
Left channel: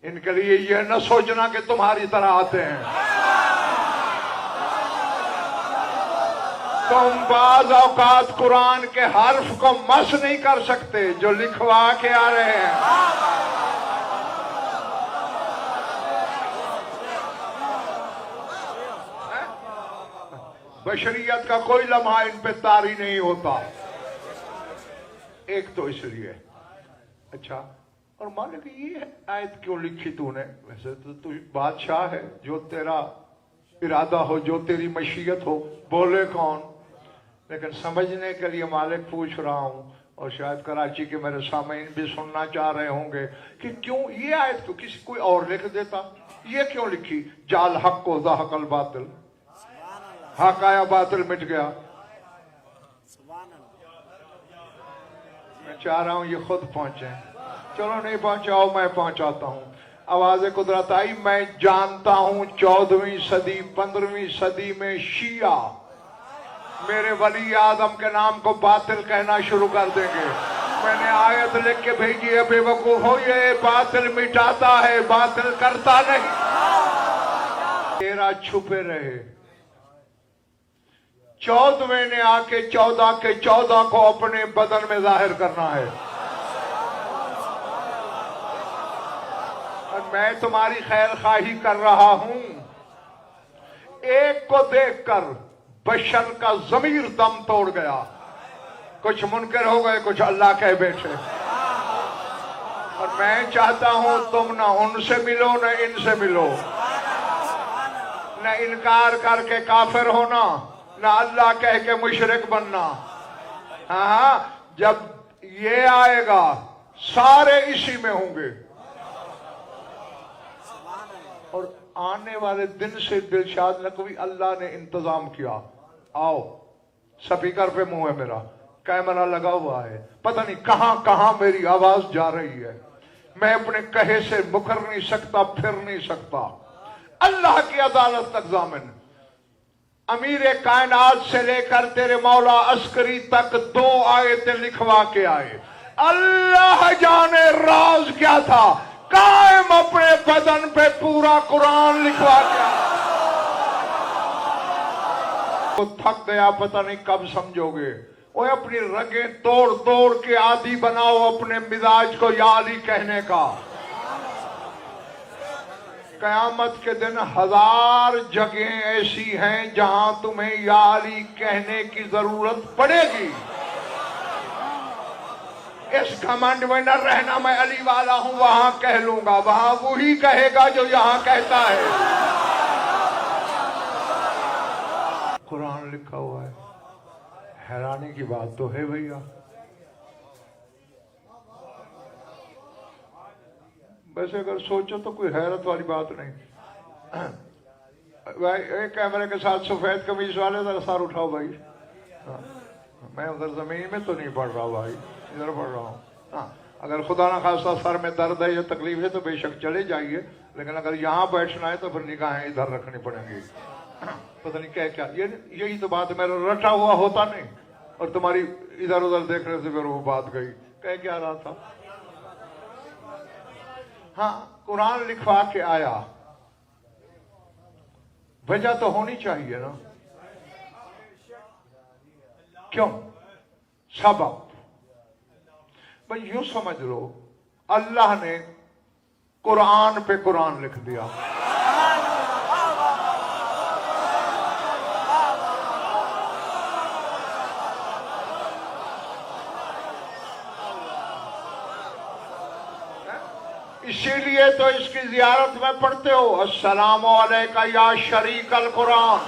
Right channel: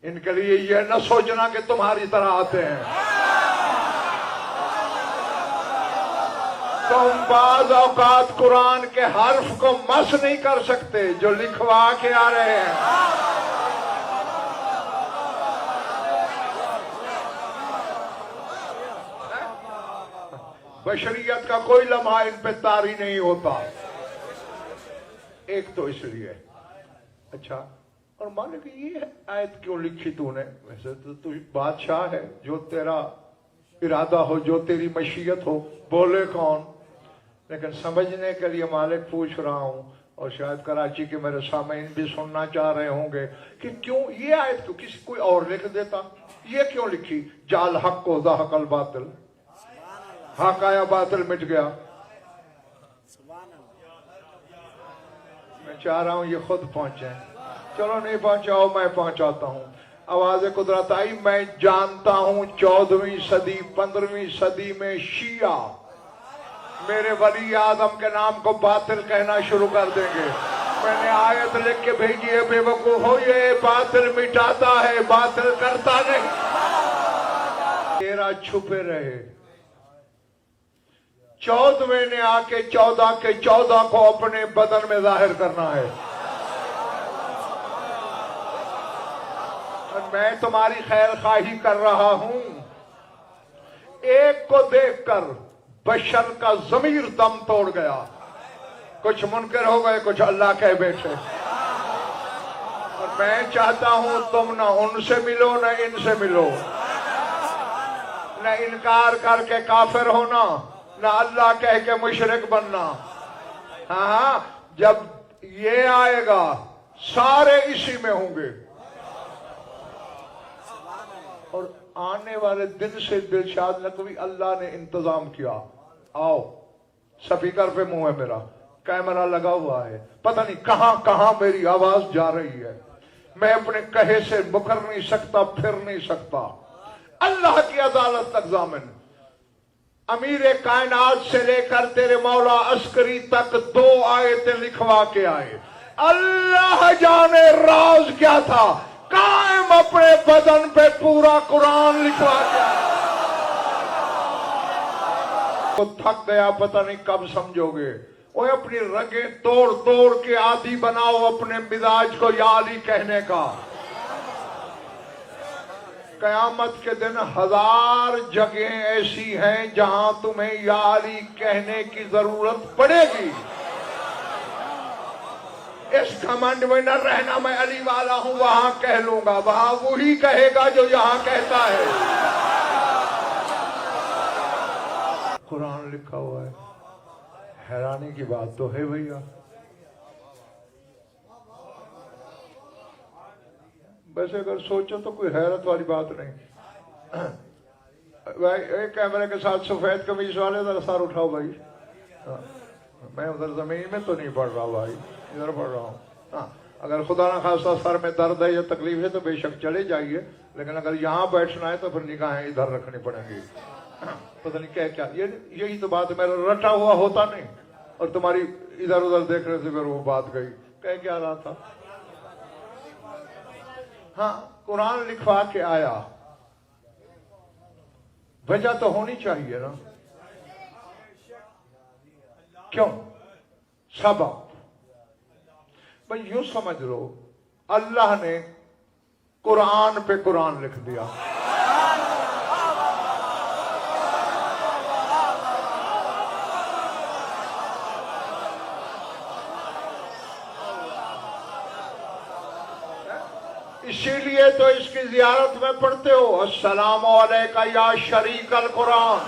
ان کے لیے یہ نہ سوچنا کہ تمہاری طرح آتے ہیں. تم بعض اوقات قرآن کے حرف کو مس نہیں کر سکتے جو لکھوا کے آ رہے ہیں. بشریت کا کوئی لمحہ ان پہ طاری نہیں ہوتا. ایک تو اس لیے. اچھا، اور مالک یہ آیت کیوں لکھی تو نے؟ ویسے تو بادشاہ ہے، جو تیرا ارادہ ہو، جو تیری مشیت ہو، بولے کون؟ لیکن سمجھنے کے لیے مالک پوچھ رہا ہوں، اور شاید کراچی کے میرے سامعین بھی سننا چاہ رہے ہوں گے کہ کیوں یہ آیت تو کسی کوئی اور لکھ دیتا، یہ کیوں لکھی؟ جال حق کو زہق الباطل، حق آیا باطل مٹ گیا. میں چاہ رہا ہوں یہ خود پہنچے. چلو نہیں پہنچاؤ، میں پہنچاتا ہوں. آواز قدرت آئی. میں جانتا ہوں 14ویں صدی 15ویں صدی میں شیعہ میرے ولی اعظم کے نام کو باطل کہنا شروع کر دیں گے. میں نے آیت لکھ کے بھیجی ہے، بے وقوف ہو، یہ باطل مٹاتا ہے، باطل کرتا نہیں. تیرا چھپے رہے. 14ویں نے آ کے 14 کے 14 کو اپنے بدن میں ظاہر کرنا ہے. اور میں تمہاری خیر خواہی کر رہا ہوں. ایک کو دیکھ کر بشر کا ضمیر دم توڑ گیا. کچھ منکر ہو گئے، کچھ اللہ کہہ بیٹھے. اور میں چاہتا ہوں تم نہ ان سے ملو نہ ان سے ملو، نہ انکار کر کے کافر ہونا، نہ اللہ کہہ کے مشرک بننا. ہاں، جب یہ آئے گا سارے اسی میں ہوں گے. اور آنے والے دن سے دلشاد نقوی اللہ نے انتظام کیا. آؤ، سپیکر پہ منہ ہے میرا، کیمرہ لگا ہوا ہے، پتہ نہیں کہاں کہاں میری آواز جا رہی ہے. میں اپنے کہے سے مکر نہیں سکتا، پھر نہیں سکتا. اللہ کی عدالت تک ضامن. امیر کائنات سے لے کر تیرے مولا عسکری تک 2 آیتیں لکھوا کے آئے. اللہ جانے راز کیا تھا، قائم اپنے بدن پہ پورا قرآن لکھوا کے آئے. تو تھک گیا، پتہ نہیں کب سمجھو گے. وہ اپنی رگیں توڑ توڑ کے عادی بناؤ اپنے مزاج کو یا علی کہنے کا. قیامت کے دن 1000 جگہیں ایسی ہیں جہاں تمہیں یا علی کہنے کی ضرورت پڑے گی. اس گھمنڈ میں نہ رہنا میں علی والا ہوں، وہاں کہہ لوں گا، وہاں وہی کہے گا جو یہاں کہتا ہے. قرآن لکھا ہوا ہے. حیرانی کی بات تو ہے بھیا. ویسے اگر سوچو تو کوئی حیرت والی بات نہیں. ایک کیمرے کے ساتھ سفید قمیض والے ذرا سر اٹھاؤ بھائی. میں ادھر زمین میں تو نہیں پڑھ رہا بھائی، ادھر پڑھ رہا ہوں. ہاں، اگر خدا نہ خاصہ سر میں درد ہے یا تکلیف ہے تو بے شک چلے جائیے، لیکن اگر یہاں بیٹھنا ہے تو پھر نگاہیں ادھر رکھنی پڑیں گی. پتہ نہیں کیا یہی تو بات میرا رٹا ہوا ہوتا نہیں، اور تمہاری ادھر ادھر دیکھنے سے پھر وہ بات گئی. کہہ کیا رہا تھا؟ ہاں، قرآن لکھوا کے آیا. وجہ تو ہونی چاہیے نا. کیوں؟ سبب. بھائی یوں سمجھ لو، اللہ نے قرآن پہ قرآن لکھ دیا. اسی لیے تو اس کی زیارت میں پڑھتے ہو السلام علیکہ یا شریک القرآن.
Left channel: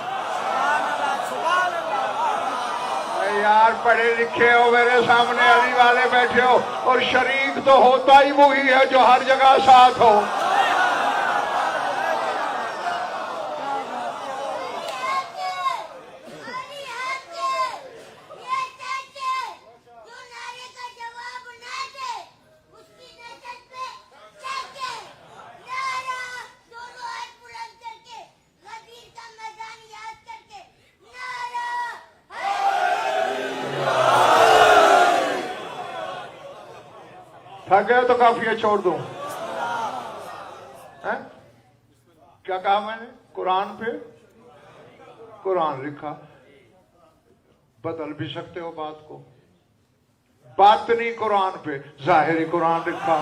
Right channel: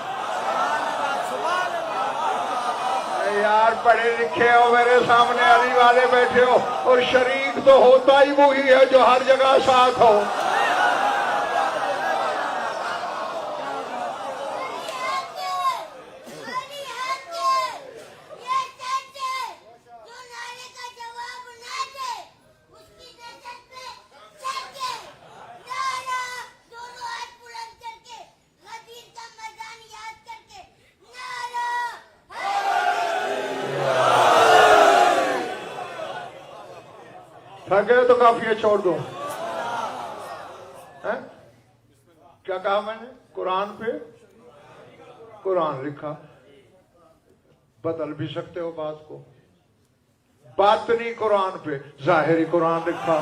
یار پڑھے لکھے ہو، میرے سامنے علی والے بیٹھے ہو، اور شریک تو ہوتا ہی وہی ہے جو ہر جگہ ساتھ ہو. تھک گئے تو کافی ہے، چھوڑ دوں. کیا کہا میں نے؟ قرآن پہ قرآن لکھا. بدل بھی سکتے ہو بات کو. باطنی قرآن پہ ظاہری قرآن لکھا.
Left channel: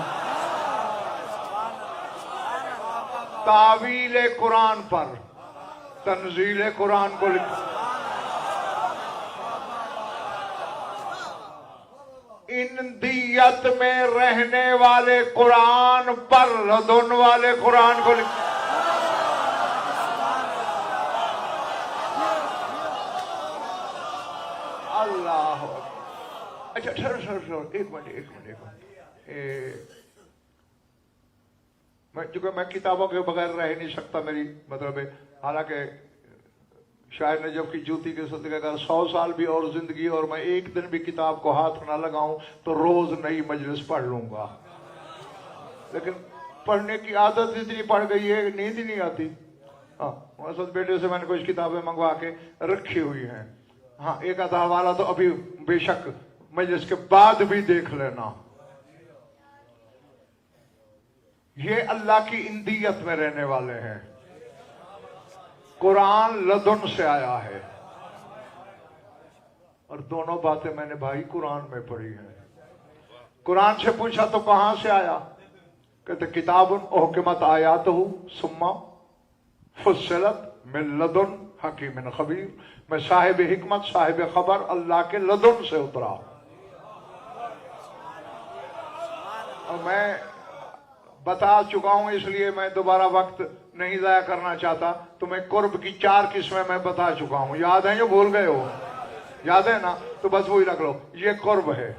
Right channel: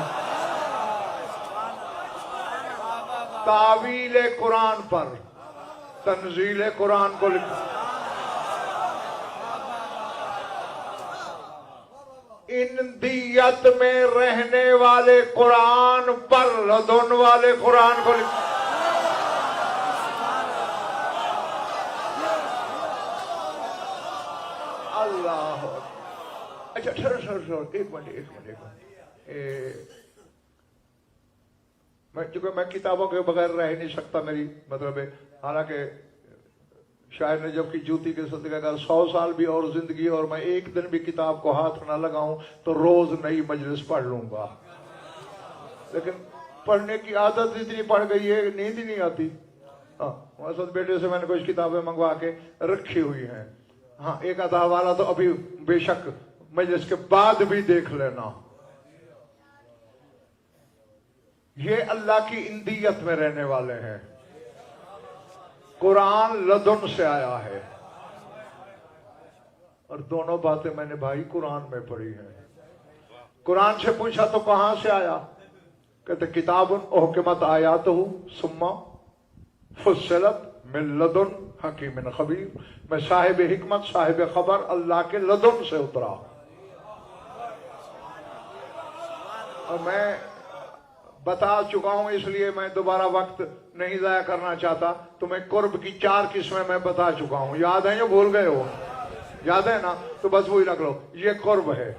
تعویل قرآن پر تنزیل قرآن کو لکھا. اندیت میں رہنے والے قرآن پر لدن والے قرآن کو لکھا. اللہ. اچھا ایک منٹ. چونکہ میں کتابوں کے بغیر رہ نہیں سکتا، میری مطلب ہے، حالانکہ شاید نجف کی جوتی کے صدقے اگر 100 سال بھی اور زندگی اور میں ایک دن بھی کتاب کو ہاتھ نہ لگاؤں تو روز نئی مجلس پڑھ لوں گا، لیکن پڑھنے کی عادت اتنی پڑ گئی ہے نیند ہی نہیں آتی. ہاں اصل بیٹے سے میں نے کچھ کتابیں منگوا کے رکھی ہوئی ہیں. ہاں ایک آدھا والا تو ابھی بے شک مجلس کے بعد بھی دیکھ لینا. یہ اللہ کی اندیت میں رہنے والے ہیں. قرآن لدن سے آیا ہے، اور دونوں باتیں میں نے بھائی قرآن میں پڑھی ہیں. قرآن سے پوچھا تو کہاں سے آیا؟ کہتے کتاب احکمت آیاتہ ثم فصلت من لدن حکیم خبیر. میں صاحب حکمت صاحب خبر اللہ کے لدن سے اترا. اور میں بتا چکا ہوں، اس لیے میں دوبارہ وقت نہیں ضائع کرنا چاہتا. تمہیں قرب کی 4 قسمیں میں بتا چکا ہوں. یاد ہیں جو بھول گئے ہو؟ یاد ہے نا؟ تو بس وہی رکھ لو. یہ قرب ہے،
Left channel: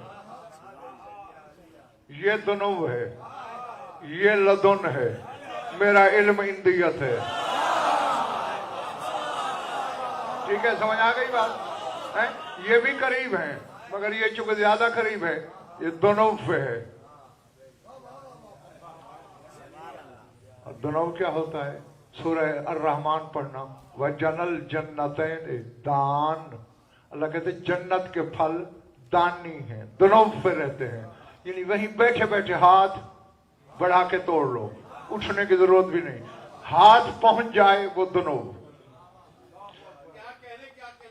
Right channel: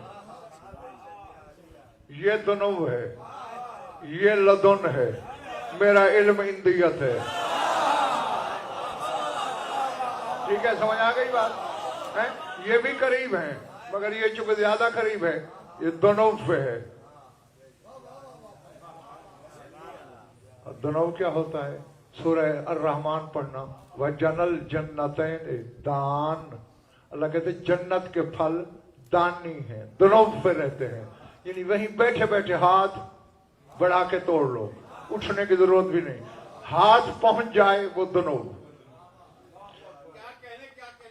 یہ دنو ہے، یہ لدن ہے، میرا علم اندیت ہے. ٹھیک ہے، سمجھ آ گئی بات؟ یہ بھی قریب ہیں مگر یہ چونکہ زیادہ قریب ہے، یہ دونوں پہ ہے. دونوں کیا ہوتا ہے؟ سورہ الرحمن پڑھنا. وَجَنَ الْجَنَّتَيْنِ دان. اللہ کہتے ہیں جنت کے پھل دانی ہیں، دونوں پہ رہتے ہیں. یعنی وہیں بیٹھے بیٹھے ہاتھ بڑھا کے توڑ لو، اٹھنے کی ضرورت بھی نہیں، ہاتھ پہنچ جائے وہ دونوں.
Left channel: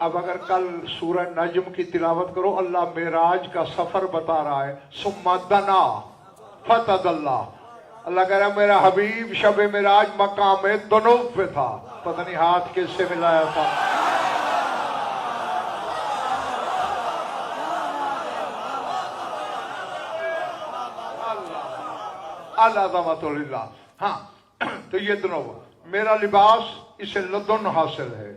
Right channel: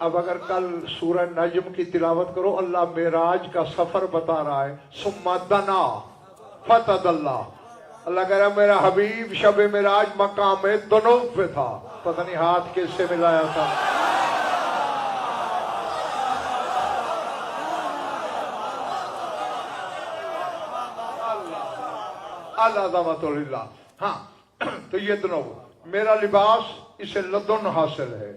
اب اگر کل سورہ نجم کی تلاوت کرو، اللہ معراج کا سفر بتا رہا ہے. ثم دنا فتدلی. اللہ کہہ رہا ہے میرا حبیب شب معراج مقام دونوں پہ تھا. پتہ نہیں ہاتھ کس سے ملایا تھا. اللہ ذمت اللہ. ہاں تو یہ دونوں میرا لباس اسے لدن حاصل ہے،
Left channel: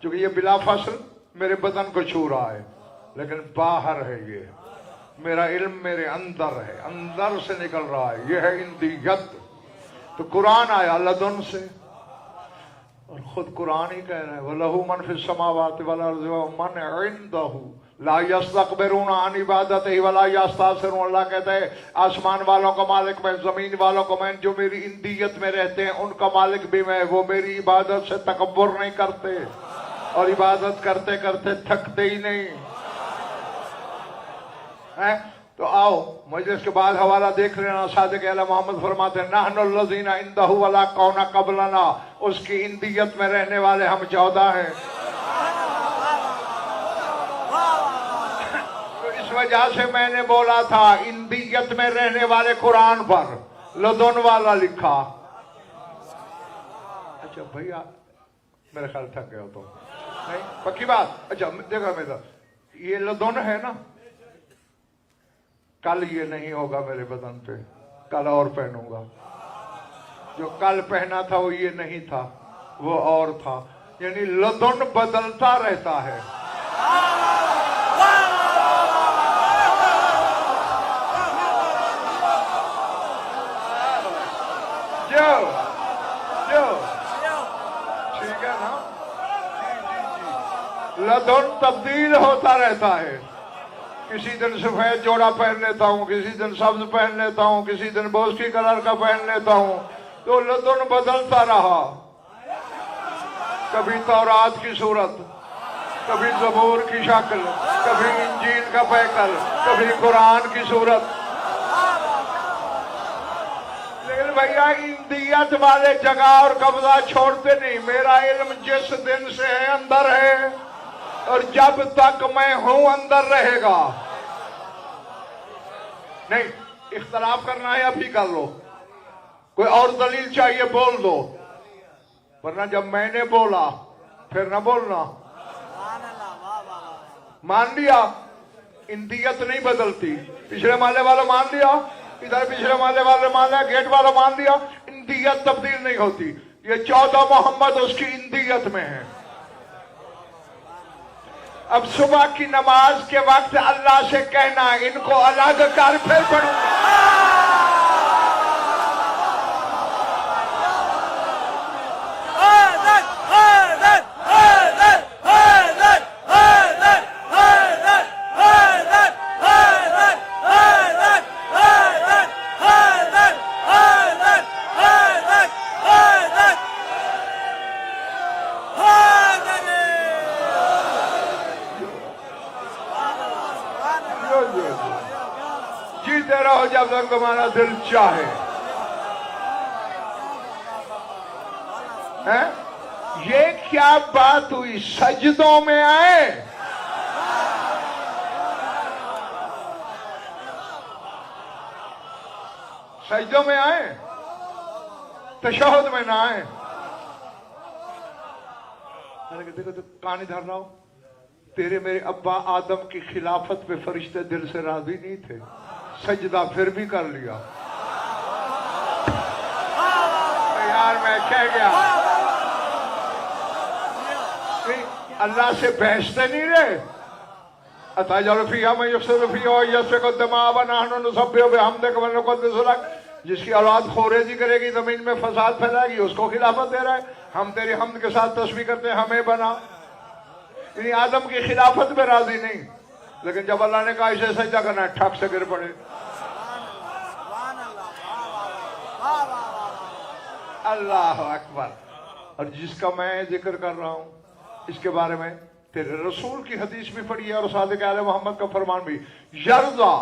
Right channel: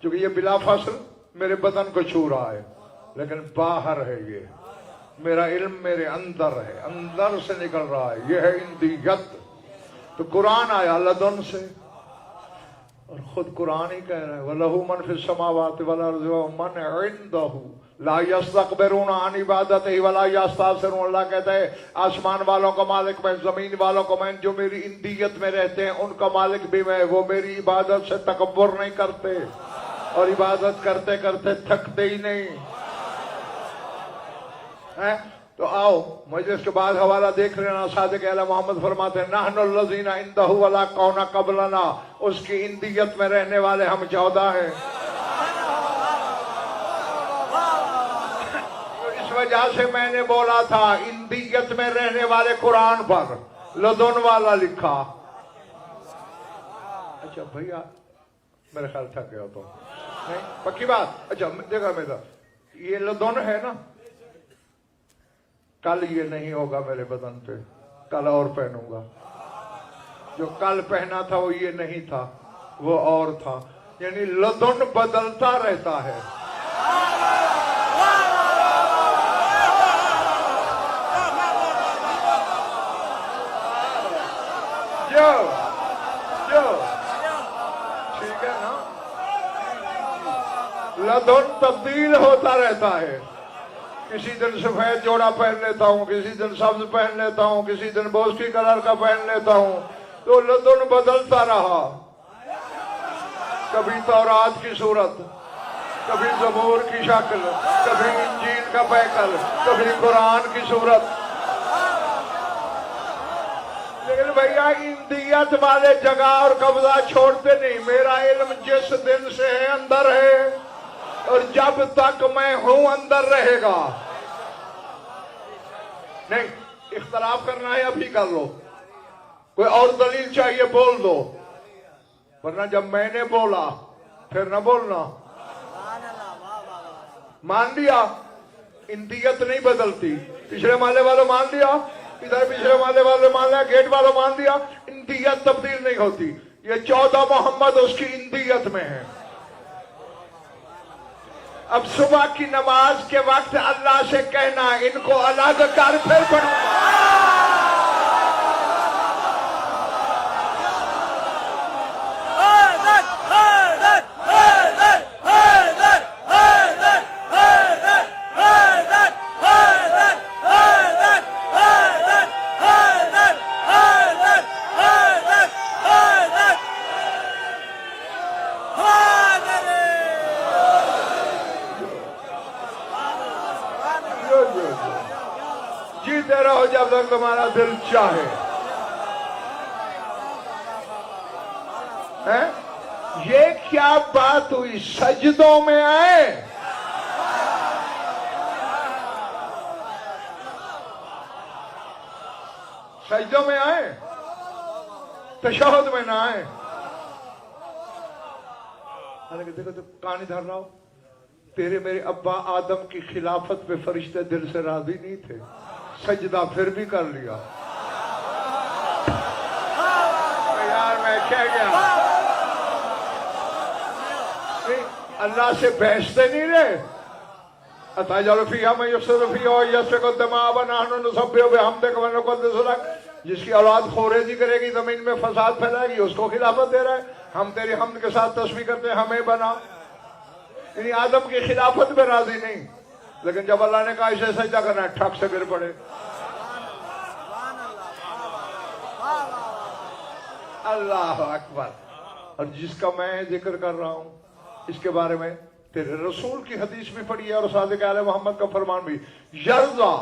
کیونکہ یہ بلا فصل میرے بدن کو چھو رہا ہے، لیکن باہر ہے. یہ میرا علم میرے اندر ہے، اندر سے نکل رہا ہے. یہ ہے اندیت. تو قرآن آیا لدن سے، اور خود قرآن ہی کہہ رہا ہے وَلَهُ مَنْ فِي السَّمَاوَاتِ وَالْأَرْضِ وَمَنْ عِنْدَهُ لَا يَسْتَكْبِرُونَ عَنْ عِبَادَتِهِ وَلَا يَسْتَكْبِرُونَ. اللہ کہتا ہے آسمان والوں کا مالک میں، زمین والوں کا میں، جو میری اندیت میں رہتے ہیں ان کا مالک بھی میں. وہ میری عبادت سے تکبر نہیں کرتے، اور عبادت کرتے کرتے تھکتے ہی نہیں. تو آؤ مجلس کے بعد حوالہ دیکھ لینا. صادق اعلی محمد فرماتے ہیں نحن الذین عنده ولا کون قبلنا. اس کی اندیت میں رہنے والے ہم 14 ہیں. تو اس وجہ سے میں نے بولا تھا اندیت میں رہنے والے قرآن پر لدن والا لکھا. اچھا بھیا میرے خیال تھک گیا تو پکی بات. اچھا دیکھا میرا یہ لدن ہے نا، کل یہ نہیں ہوگا میرے بدن پہ، کل اور پہنوں گا. جو کل پہنا تھا وہ یہ نہیں تھا، وہ اور تھا. یعنی لدن بدلتا رہتا ہے. جو ٹھیک ہے نا، لدن تبدیل ہوتا رہتا ہے. کسی دن سفید جوڑا پہن لیتا ہوں، کسی دن سبز پہن لیتا ہوں، کسی دن بوسی کلر کا پہن لیتا ہوں. تو لدن بدلتا رہا. کبھی تورات کی صورت، کبھی زبور کی شکل، کبھی انجیل کا پیکر، کبھی قرآن کی صورت. لیکن بھیا اندیت والے جگہ اور قبضہ چھوڑتے نہیں. میرا علم جس دن سے ہے اندر ہے، اور جب تک میں ہوں اندر رہے گا. نہیں اختلاف کرنا ہے ابھی کر لو، کوئی اور دلیل چاہیے بول دو، ورنہ جب میں نے بولا پھر نہ بولنا. مان لیا اندیت نہیں بدلتی. پچھلے محلے والوں مان لیا، ادھر پچھلے محلے والوں مان لیا، گیٹ والوں مان لیا. اندیت تبدیل نہیں ہوتی. یہ 14 محمد اس کی اندیت میں ہے. اب صبح کی نماز کے وقت اللہ سے کہنا ان کو الگ کر پھر پڑھوں گا. جیتے رہو جب تک تمہارا دل چاہے. یہ کیا بات ہوئی؟ سجدوں میں آئے، سجدوں میں آئے، تشہد میں نہ آئے. دیکھو تو کہانی دھر رہا ہو. تیرے میرے ابا آدم کی خلافت پہ فرشتے دل سے راضی نہیں تھے، سجدہ پھر بھی کر لیا. یار میں کہہ گیا اللہ سے بحثتے نہیں رہے. اتجعل فیہا من یفسد فیہا ویسفک الدماء ونحن نسبح بحمدک ونقدس لک. جس کی اولاد خوریزی کرے گی، زمین میں فساد پھیلائے گی، اس کو خلافت دے رہا ہے. ہم تیری حمد کے ساتھ تسبیح کرتے ہیں، ہمیں بنا. یعنی آدم کی خلافت میں راضی نہیں، لیکن جب اللہ نے کہا اسے سجدہ کرنا ہے ٹھک سے گر پڑے. اللہ اکبر. اور جس کا میں ذکر کر رہا ہوں اس کے بارے میں تیرے رسول کی حدیث بھی پڑھی ہے اور صادق آل محمد کا فرمان بھی. یرضا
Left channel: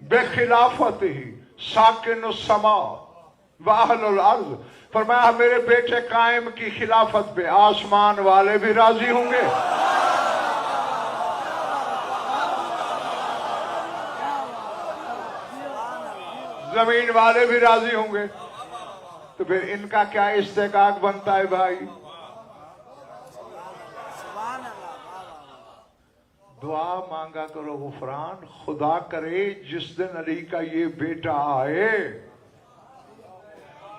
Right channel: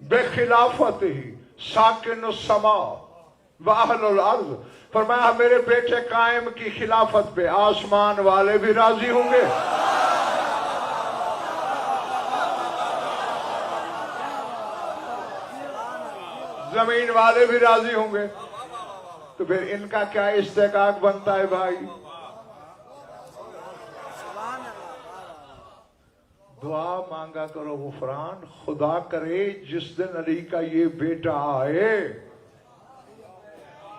بخلافته ساکن السماء واہل الارض. فرمایا میرے بیٹے قائم کی خلافت پہ آسمان والے بھی راضی ہوں گے، زمین والے بھی راضی ہوں گے. تو پھر ان کا کیا استحقاق بنتا ہے بھائی؟ دعا مانگا کرو غفران. خدا کرے جس دن علی کا یہ بیٹا آئے،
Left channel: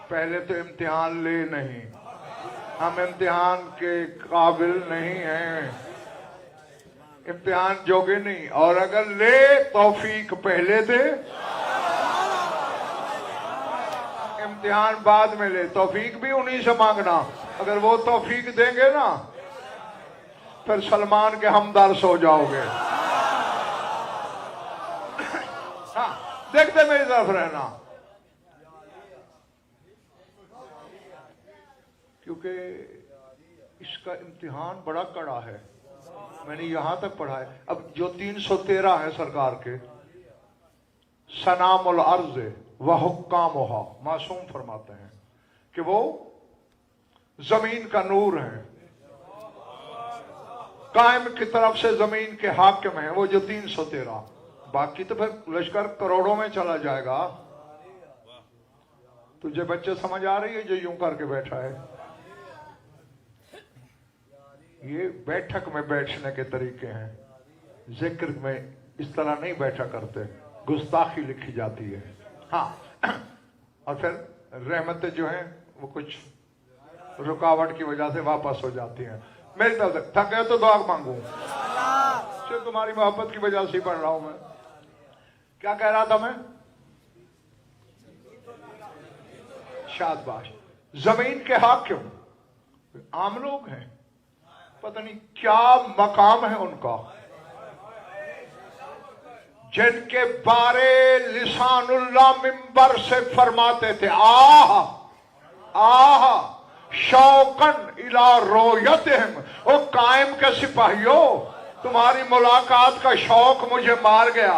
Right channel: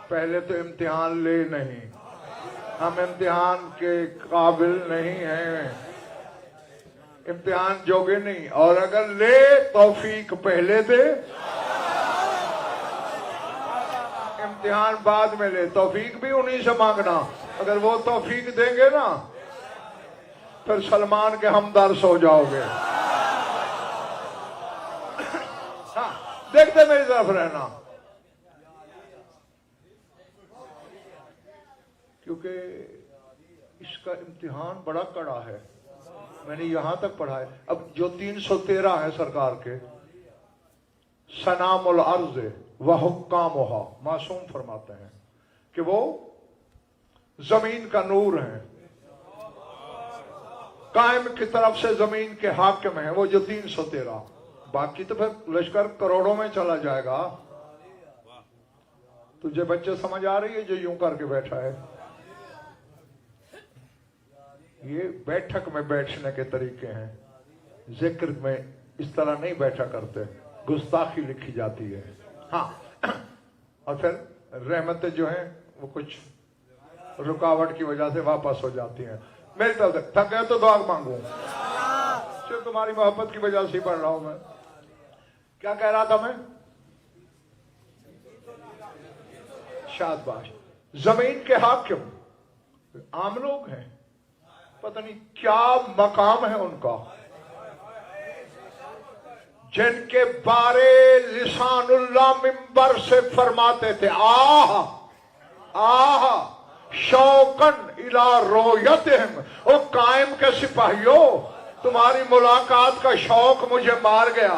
پہلے تو امتحان لے نہیں، ہم امتحان کے قابل نہیں ہیں، امتحان جوگے نہیں. اور اگر لے توفیق پہلے دے، امتحان بعد میں لے. توفیق بھی انہی سے مانگنا. اگر وہ توفیق دیں گے نا پھر سلمان کے ہمدرس ہو جاؤ گے. ہاں دیکھتے میری طرف رہنا، کیونکہ اس کا امتحان بڑا کڑا ہے. میں نے یہاں تک پڑھا ہے. اب جو 313 ہے سرکار کے، سنام الارض وحکامھا، معصوم فرماتے ہیں کہ وہ زمین کا نور ہیں، قائم کی طرف سے زمین کے حاکم ہیں. وہ جو 313، باقی تو پھر لشکر کروڑوں میں چلا جائے گا. تجھے بچے سمجھ آ رہی ہے جو یوں کر کے بیٹھا ہے؟ یہ بیٹھک میں بیٹھنے کے طریقے ہیں، ذکر میں اس طرح نہیں بیٹھا کرتے، گستاخی لکھی جاتی ہے. ہاں اور پھر رحمتیں جو ہیں وہ کچھ رکاوٹ کی وجہ سے واپس ہو جاتی ہیں. میری طرف سے تھک گئے تو دعا مانگوں، تمہاری محبت کی وجہ سے ہی پڑھ رہا ہوں میں. کیا کہہ رہا تھا میں؟ شاباش. زمین کے حاکم عام لوگ ہیں، پتہ نہیں کیا مقام ہے ان کا، جن کے بارے لسان اللہ منبر سے فرماتے تھے آہ آہ شوقن الی رویتہم. اور قائم کے سپاہیوں، تمہاری ملاقات کا شوق مجھے مار گیا.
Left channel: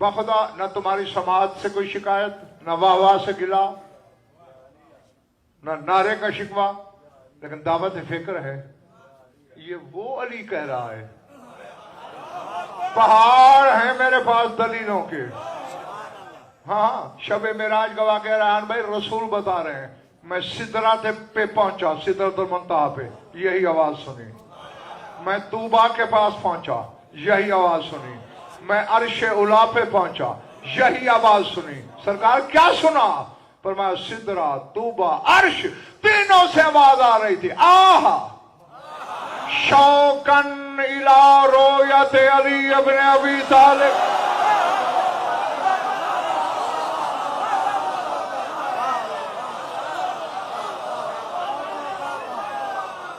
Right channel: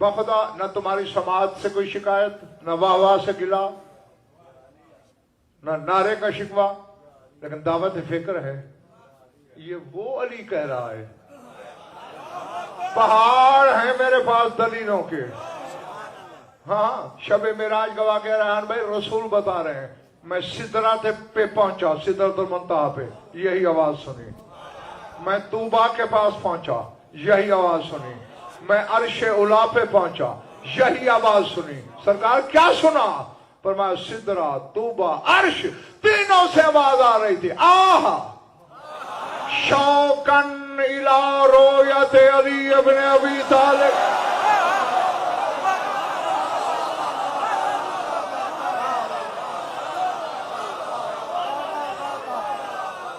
بخدا نہ تمہاری سماعت سے کوئی شکایت، نہ واہ واہ سے گلا، نہ نعرے کا شکوہ، لیکن دعوت فکر ہے. یہ وہ علی کہہ رہا ہے. پہاڑ ہیں میرے پاس دلیلوں کے. ہاں شب معراج گواہ کہہ رہا ہے بھائی، رسول بتا رہے ہیں میں سدرات پہ پہنچا، سدرۃ المنتہا پہ، یہی آواز سنی. میں طوبا کے پاس پہنچا، یہی آواز سنی. میں عرش اولا پہ پہنچا، یہی آواز سنی. سرکار کیا سنا؟ فرمایا سدرا، طوبا، عرش، تینوں سے آواز آ رہی تھی آہ شوقن الی رویت علی ابن ابی طالب.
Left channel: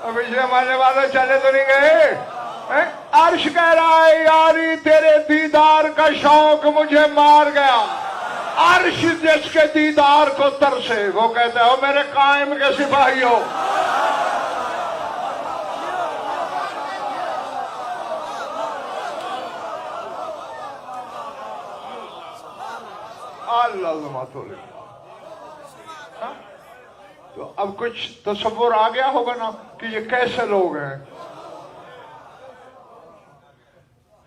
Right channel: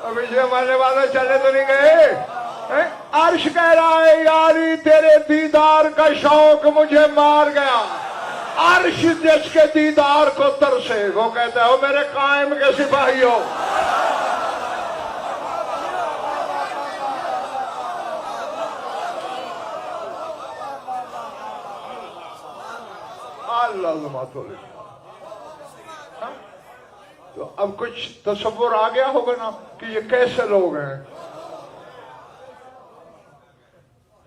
ابھی سے ہمارے والے چلے تو نہیں گئے. عرش کہہ رہا ہے یاری تیرے دیدار کا شوق مجھے مار گیا. عرش جس کے دیدار کو ترسے وہ کہتا ہے او میرے قائم کے سپاہیوں. اللہ تو اب کچھ تصور آ گیا ہوگا نا کہ یہ کیسے لوگ ہیں.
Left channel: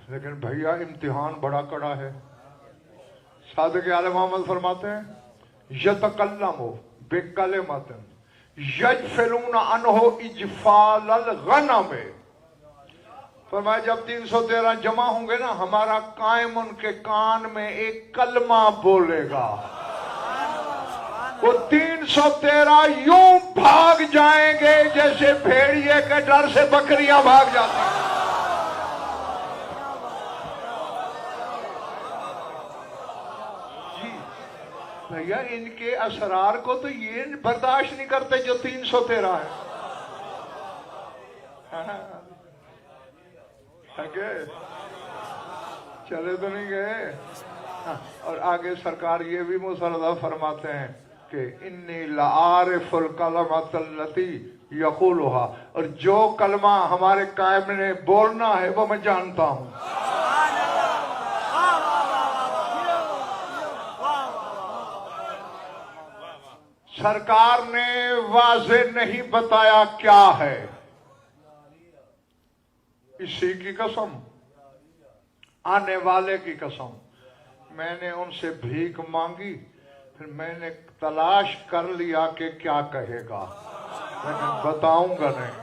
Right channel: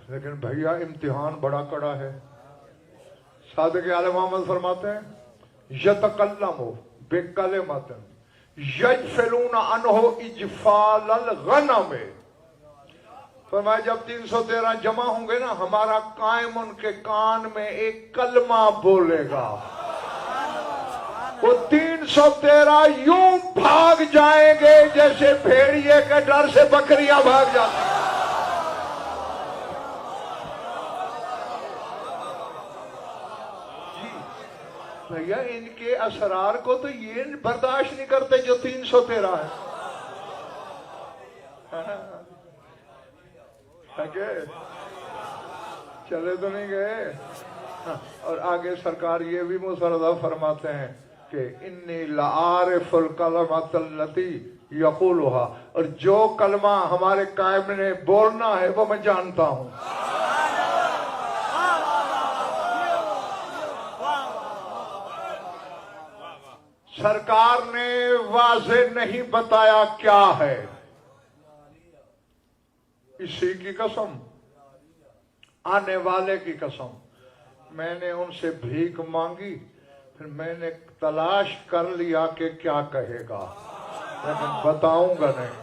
لیکن بھیا امتحان بڑا کڑا ہے. صادق عالم محمد فرماتے ہیں یتکلم بکلمۃ یجفلون عنہ اجفال الغنم. فرمایا جب 313 جمع ہوں گے نا، ہمارا قائم ان کے کان میں ایک کلمہ بولے گا. وہ 313 یوں بھاگ جائیں گے جیسے بھیڑیے کے ڈر سے بکریاں بھاگ جاتی ہیں. بھیا ان کے اسرار کو تو یہ برداشت نہیں کرتے جو 313 ہے. چلے تو نہیں گئے. اور آگے سرکار یہ بھی مسردہ فرماتے ہیں کہ انی لعارف الکلمۃ التی یقولها، اور جو کلمہ ہمارے قائم نے بولنا ہے وہ میں جانتا ہوں. سرکار نے واضح نہیں بتایا کیا ہے. اسی کی قسم، آنے والے کی قسم، میں نے ان سے بھیک مانگی، پھر میں نے تلاش کر لیا کہ کیا کہے گا، لیکن بتاؤں گا نہیں.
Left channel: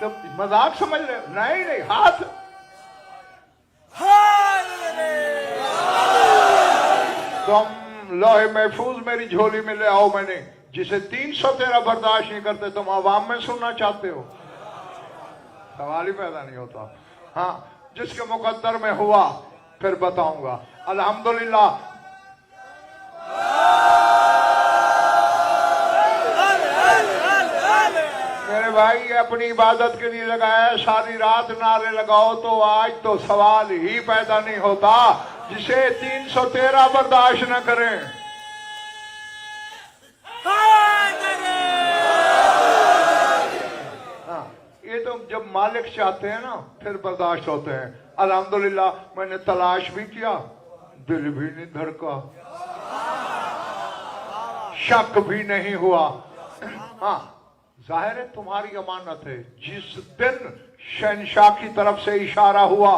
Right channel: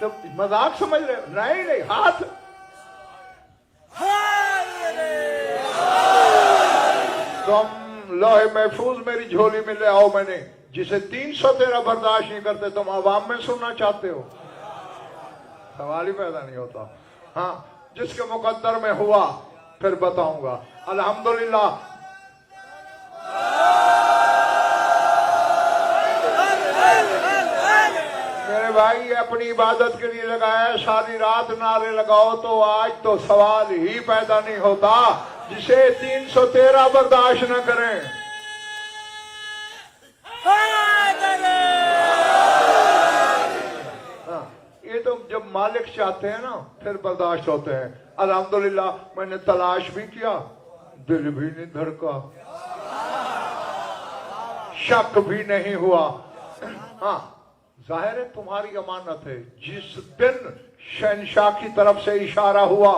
تو مذاق سمجھ رہے؟ نہیں ہاتھ تم لوہے محفوظ میری جھولی میں لے آؤ. میں نے جسے 313 برداشت نہیں کرتے تم عوام میں سننا چاہتے ہو؟ سوال ہی پیدا نہیں ہوتا. ہاں جس کے مقدر میں ہوا پھر بتاؤں گا. الحمدللہ میرے بھائی اپنی عبادت کے لیے لگایا، ساری رات نعرے لگاؤ تو آج تو سوال ہی پیدا نہیں ہوتا، جسے 313 برداشت نہ کریں۔ ہاں، یہ تو جب مالک چاہتے ہیں نا پھر برداشت ہوتے ہیں۔ الحمدللہ میں نے تلاش بھی کیا، دل بھی نہیں دھڑکا، شک بھی نہیں ہوا۔ ہاں ظاہر ہے تمہاری امانت ہے، جس دن شہنشاہ کی طرف سے اشارہ ہوا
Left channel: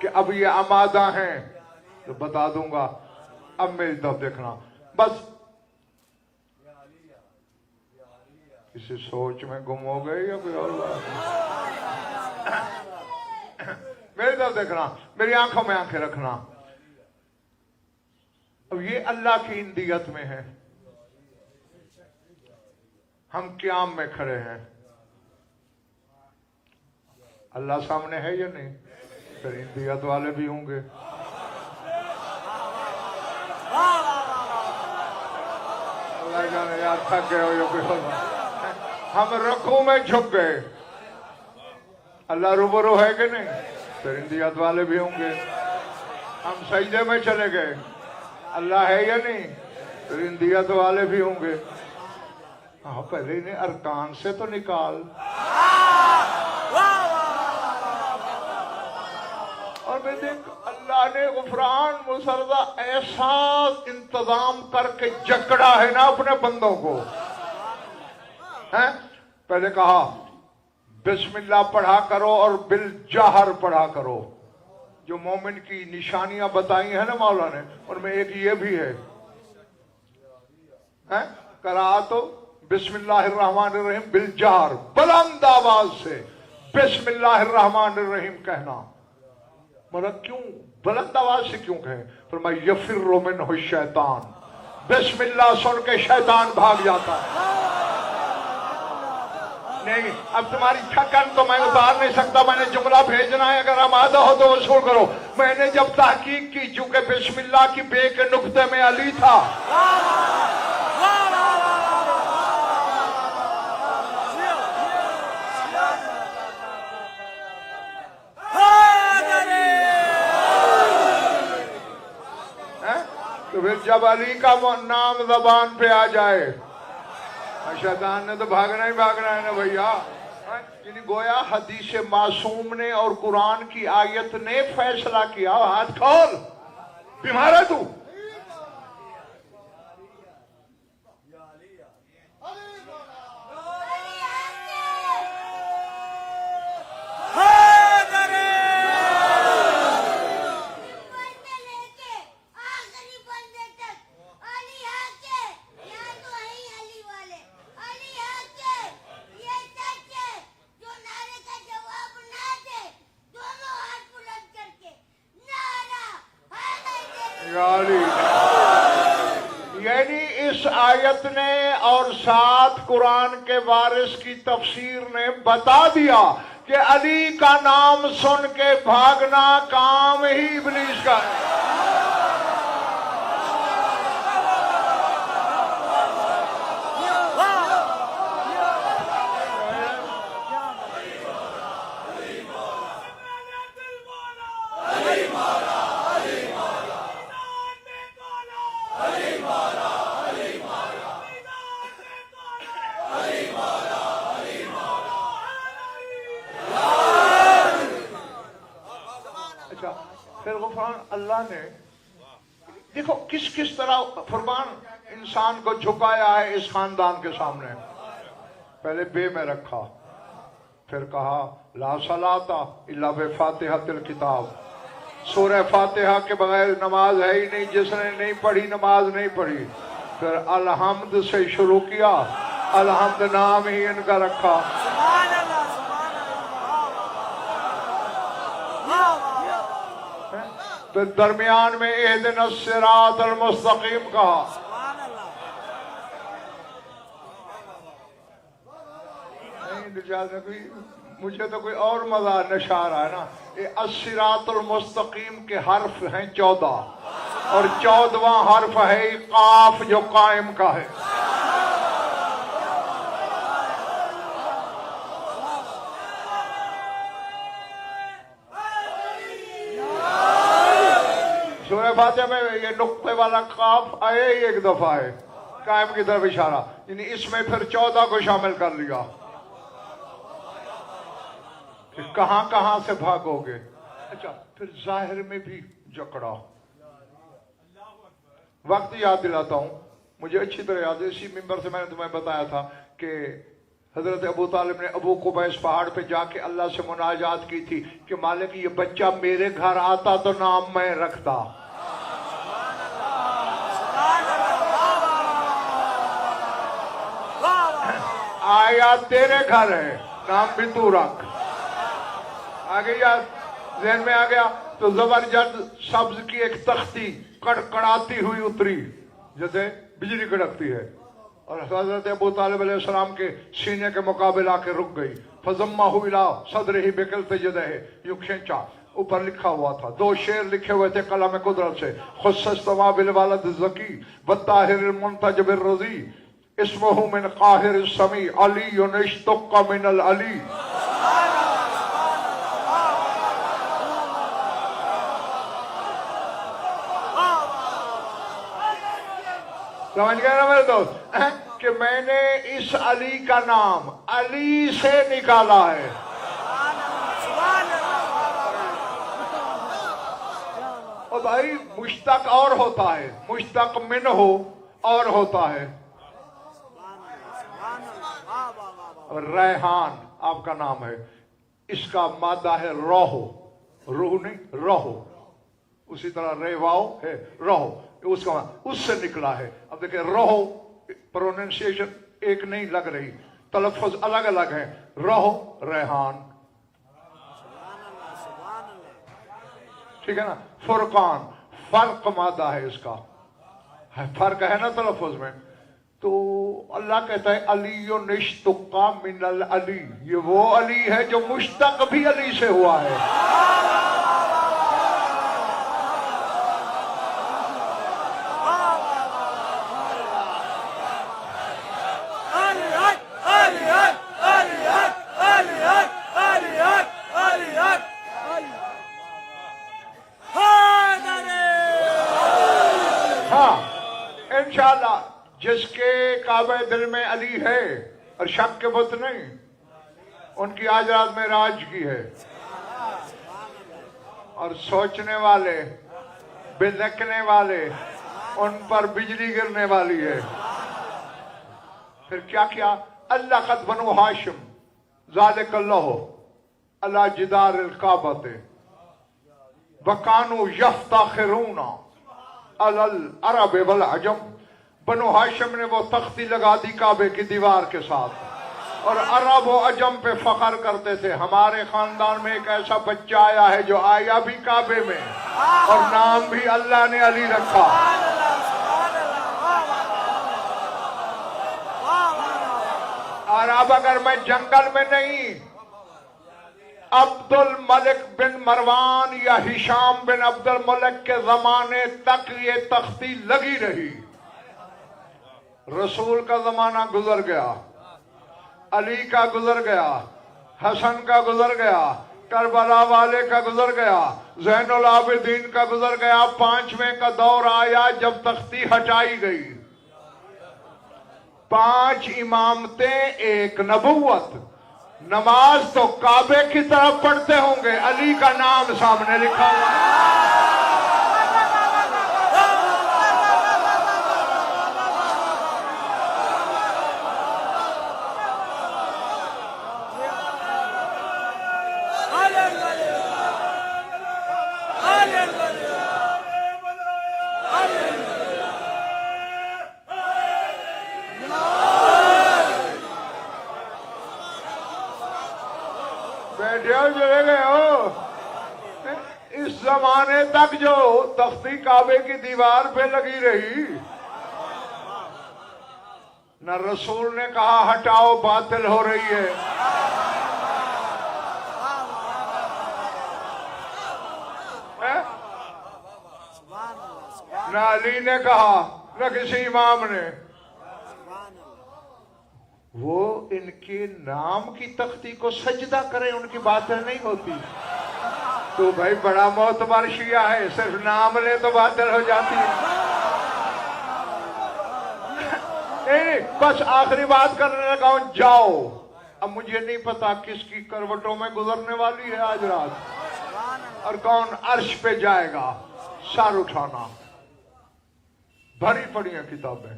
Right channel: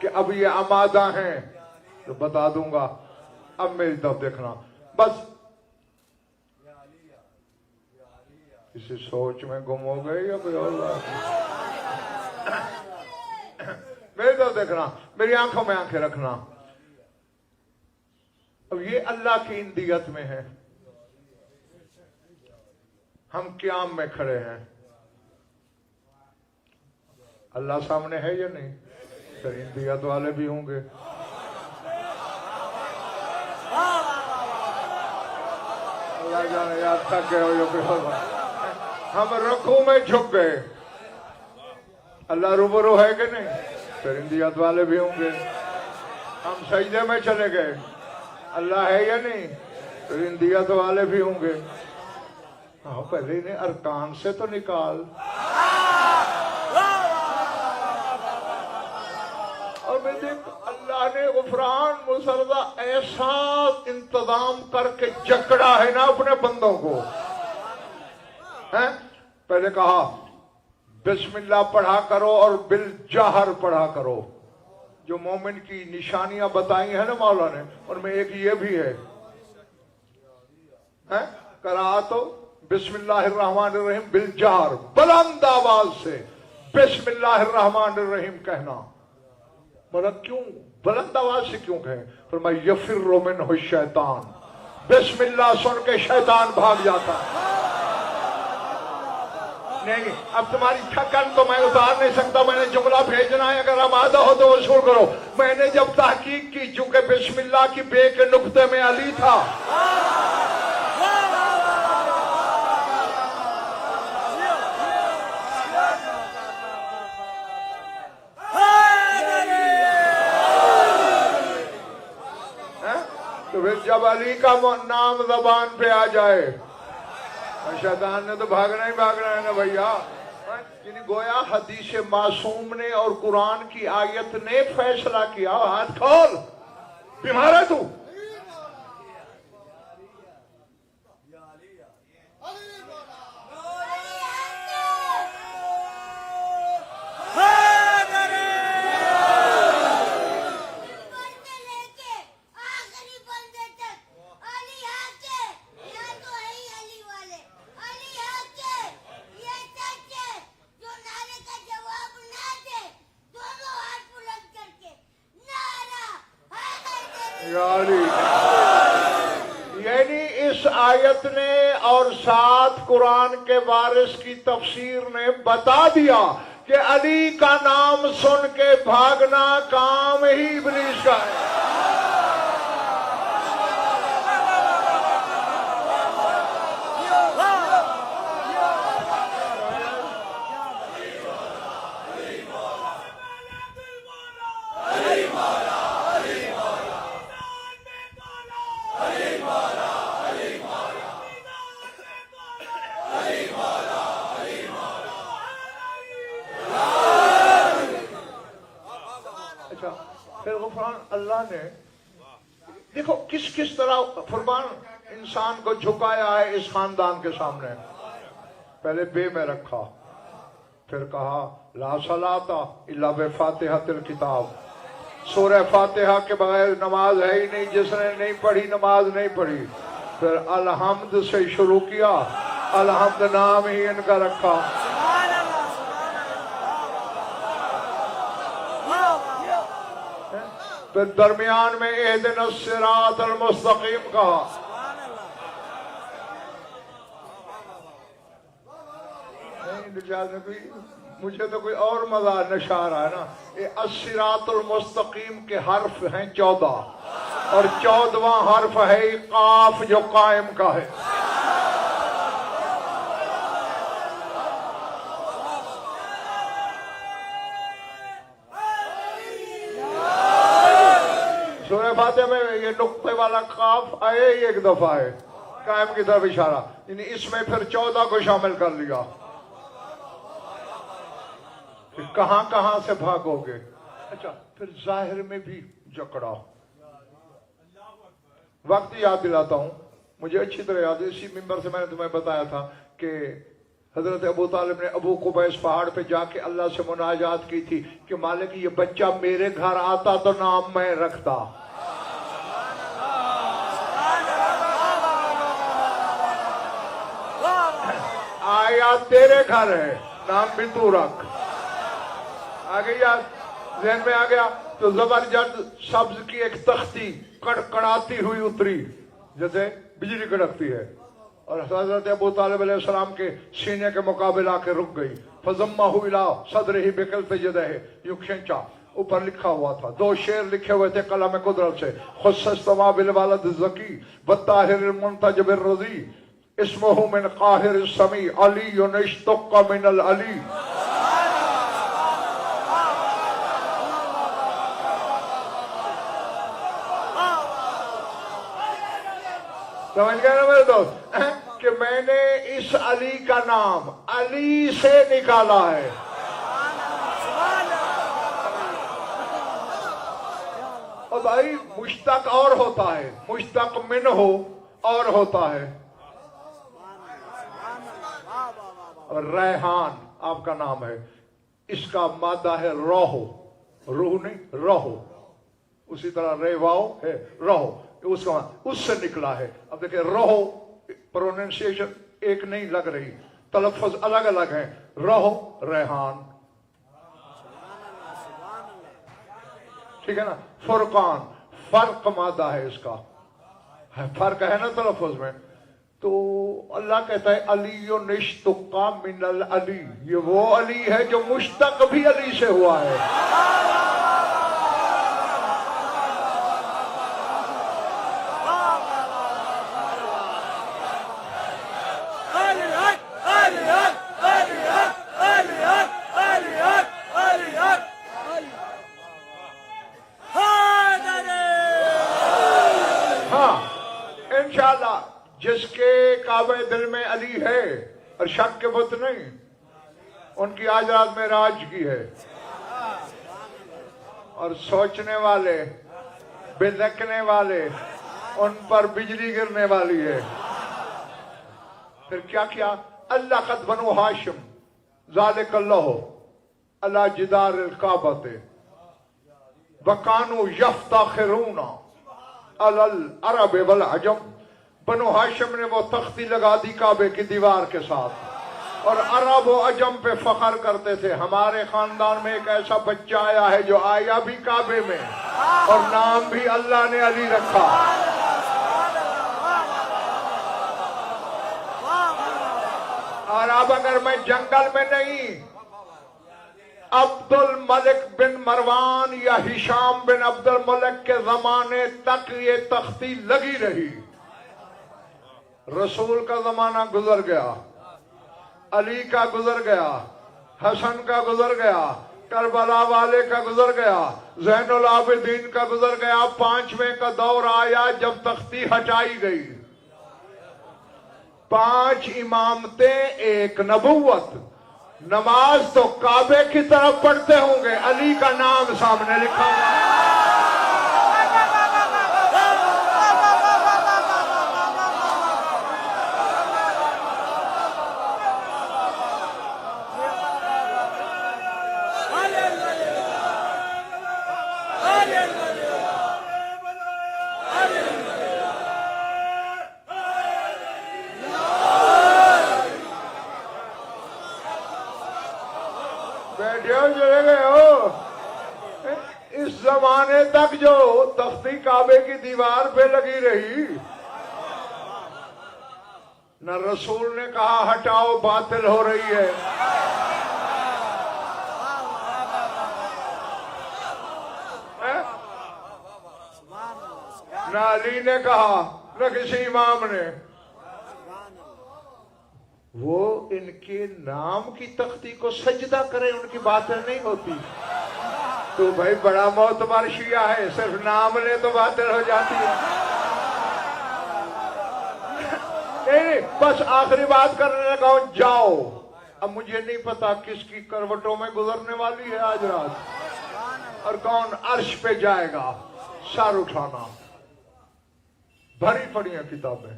کہ اب یہ آمادہ ہیں تو بتا دوں گا، اب میری طرف دیکھنا۔ بس کسی سوچ میں گم ہو گئے یا کوئی اور بات؟ میری طرف دیکھنا، میری آنکھوں میں آنکھیں رکھنا۔ اب یہ اللہ کی اندیت میں ہے، ہم قیام میں کھڑے ہیں، اللہ سامنے ہے یا نہیں؟ پھر اندیت والے بھی ہوں گے۔ اللہ جانے یار تھک گئے ہو یا کوئی اور بات؟ ہم رکوع میں جھک گئے، اللہ روبرو ہے کہ نہیں؟ پھر اندیت والے بھی ہوں گے۔ ہم سجدے میں چلے گئے، اللہ ہے یا نہیں؟ پھر اندیت والے بھی ہوں گے۔ ہاں پہلے انہیں ارکان سے تو نکال۔ اور میں دیکھ اللہ نے غفران مسرہ ایسا انتظام کر کے جکڑا ہے نا اپنے بندوں کو۔ پہلے کہا بسم اللہ پڑھا کرو اور بالجہر پڑھا کرو، جو مومن کی نشانیاں بتائی ہیں نا مولا نے، ان میں ایک یہ بھی ہے، قرأت بسم اللہ الرحمن الرحیم بالجہر، بلند آواز سے بسم اللہ الرحمن الرحیم کہنا۔ مطلب کیوں بلند آواز سے کیوں کہیں؟ فرمایا یفر منہ الشیطان، بسم اللہ سن کے شیطان بھاگ جاتا۔ نہیں اب تمہاری تھکن تو میں اتار نہیں سکتا، میں نے جملہ بھیجنا ہے، اگر آمادہ ہو تو وصول کرو۔ میں نے جب تحقیق کی، چونکہ بسم اللہ کی بے کے نقطے میں علی تھا، تو پھر جب علی کا نام زبان پہ آ جائے، شیطان نے تو بھاگنا ہی بھاگنا ہے نا بھیا۔ یعنی گویا حدیث معصوم نے اور قرآن کی آیت نے فیصلہ کیا، ہاتھ کھول، بیمار ہے تو۔ یعنی اس آیت نے اور ساتھ قرآن کے وارث کی تفسیر نے بتا دیا کہ علی کا نام سن کے بھاگنا کام ہی ابلیس کا ہے۔ پھر غفران اللہ نے دیکھو کس طرح فرمان انسان کو جھکایا ہے اس خاندان کے سامنے۔ پہلے بے میں رکھا، پھر کہا لا صلاۃ الا بفاتحۃ الکتاب، سورہ فاتحہ کے بغیر نماز ہے ہی نہیں، جس نے نہیں پڑھی نماز نہیں پڑھی۔ پھر الحمد سے شروع کیا، الحمد نام ہی ان کا رکھا۔ پھر درمیان میں اہدنا الصراط المستقیم کہا۔ نہیں مجھے تو کوئی اور مزہ نشہ آ رہا ہے نا۔ یہ الصراط المستقیم کے حرف ہیں 14 اور 14واں حرف ہے قاف جو قائم کا ہے۔ سورہ فاتحہ میں یہ نقطے والا قاف آئے ہی ایک دفعہ ہے، قائم کی طرف اشارہ، یعنی اس میں پھر 14 کو شامل کر لیا کہ کہاں کہاں سے بھاگو گے۔ اچھا پھر ظاہر میں بھی جکڑا۔ وقت یاد دلاتا ہوں، مجھے اچھی طرح یاد ہے، اسی ممبر سے میں نے تمہیں بتایا تھا کہ حضرت ابو طالب نے ابو قبیس پہاڑ پہ جا کے اللہ سے مناجات کی تھی کہ مالک یہ بچہ میرے گھر آتا تو نام میں رکھتا، آیا تیرے گھر ہے نام بھی تو رکھ۔ آگے یاد ذہن میں آ گیا؟ تو زبردست سبز کی ایک تختی کڑکڑاتی ہوئی اتری جیسے بجلی کڑکتی ہے، اور حضرت ابو طالب علیہ السلام کے سینے کے مقابل آ کے رک گئی۔ فضمہ الی صدرہ بکلت یدہ، یوں کھینچا، اوپر لکھا ہوا تھا، 2 شعر لکھے ہوئے تھے قلم قدرت سے، خص السما بالولد الزکی والطاہر المنتجب الرضی، اسمہ من قاہر السمی علی اشتق من العلی۔ سمجھ گئے نا میرے دوست کہ میں نے اس علی کا نام علی سے نکالا ہے۔ اور بھائی مشتق اور ہوتا ہے، مشتق من ہو اور ہوتا ہے۔ ریحان آپ کا نام ہے، اس کا مادہ ہے روح، روح نہیں روح، اسی طرح ریواؤ ہے روح، اس کا اس سے نکلا ہے۔ اب دیکھیں روح پروننسیشن ایک نہیں لگ رہی، تلفظ الگ الگ ہیں، روح ریحان، ٹھیک ہے نا۔ فرقان فرق مادہ ہے، اس کا فرق ہے نا تلفظ میں۔ تو اللہ کہتا ہے علی اشتق من العلی، یہ وہ علی ہے جو مشتق بھی علی سے ہوا ہے۔ ہاں انشاءاللہ جس کے کعبہ دل میں علی ہے اور شک کے بت نہیں، ان کی آج رات میں راج کی ہے، اور سوچنے والے بلکنے والے ان پر بجلی گرنے والی ہے۔ پھر کیا کیا؟ اللہ قد بنو ہاشم ذالک اللہ اللہ جدار الکعبۃ وکانوا یفتخرون علی العرب والعجم۔ بنو ہاشم نے وہ تختی لگا دی کعبے کی دیوار کے ساتھ، اور عرب و عجم پہ فخر کرتے تھے، ہمارے خاندان میں ایک ایسا بچہ آیا ہے جو آیا بھی کعبے میں اور نام بھی اللہ نے علی رکھا۔ اور اب اگر میں جنگل میں نہیں، عبد الملک بن مروان یا ہشام بن عبد الملک کے زمانے تک یہ تختی لگی رہی۔ رسول کا زمانہ گزر گیا، علی کا گزر گیا، حسن کا گزر گیا، کربلا والے کا گزر گیا، زین العابدین کا گزر گیا، 5ویں کا دور آیا جب تختی ہٹائی گئی۔ 5 امامتیں، ایک نبوت۔ نماز تو کعبے کی طرف پڑھتے ہوں گے، علی کا نام سامنے لکھا ہوا۔ چلے گئے ہو اس زمانے تک جو تختی کعبے کی دیوار پہ لگی رہی، نہ رسول نے کہا ہٹاؤ باطل ہو رہی ہے، نہ علی نے کہا نہ کسی امام نے۔ وہ ان کے نام کی تختی کو سجدہ کرے ان کی باتیں نہیں ہوتی، تو بھائی بڑا معتبر شیعہ ہے، صرف نام لے تو باطل ہو جاتی ہے. نہیں بس آخری بات کرنے لگا ہوں، جاؤ. اب مجھے نہیں پتا کس کی کروٹوں میں گزرنے والی ہے آج رات، اور کون عرش پہ جائے گا. سر اٹھانا. بھری پڑی ہیں کتابیں.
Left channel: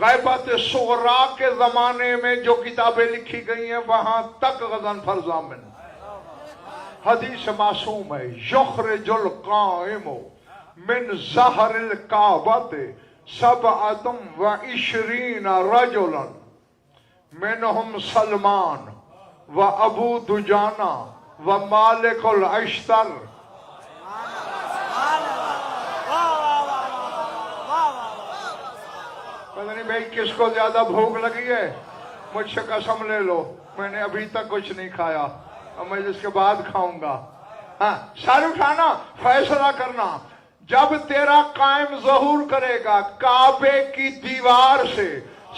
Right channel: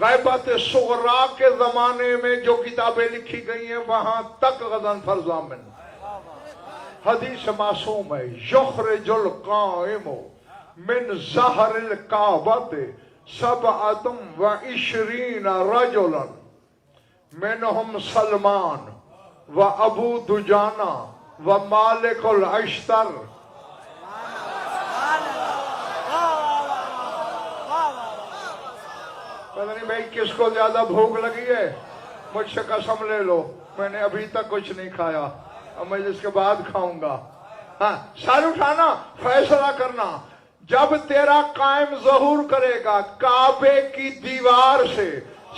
غیبت صغرا کے زمانے میں جو کتابیں لکھی گئی ہیں وہاں تک غضن فرضامن حدیث معصوم ہے. یخرج القائم من ظہر الکعبۃ سبعۃ وعشرین رجلا منہم سلمان و ابو دجانہ و مالک الاشتر. پتہ نہیں بھائی کس کو زیادہ بھوک لگی ہے، مجھ سے قسم لے لو، میں نے ابھی تک کچھ نہیں کھایا اور میں اس کے بعد کھاؤں گا. ہاں سر اٹھانا، فیصلہ کرنا. جب تیرا قائم ظہور کرے گا کعبے کی دیوار سے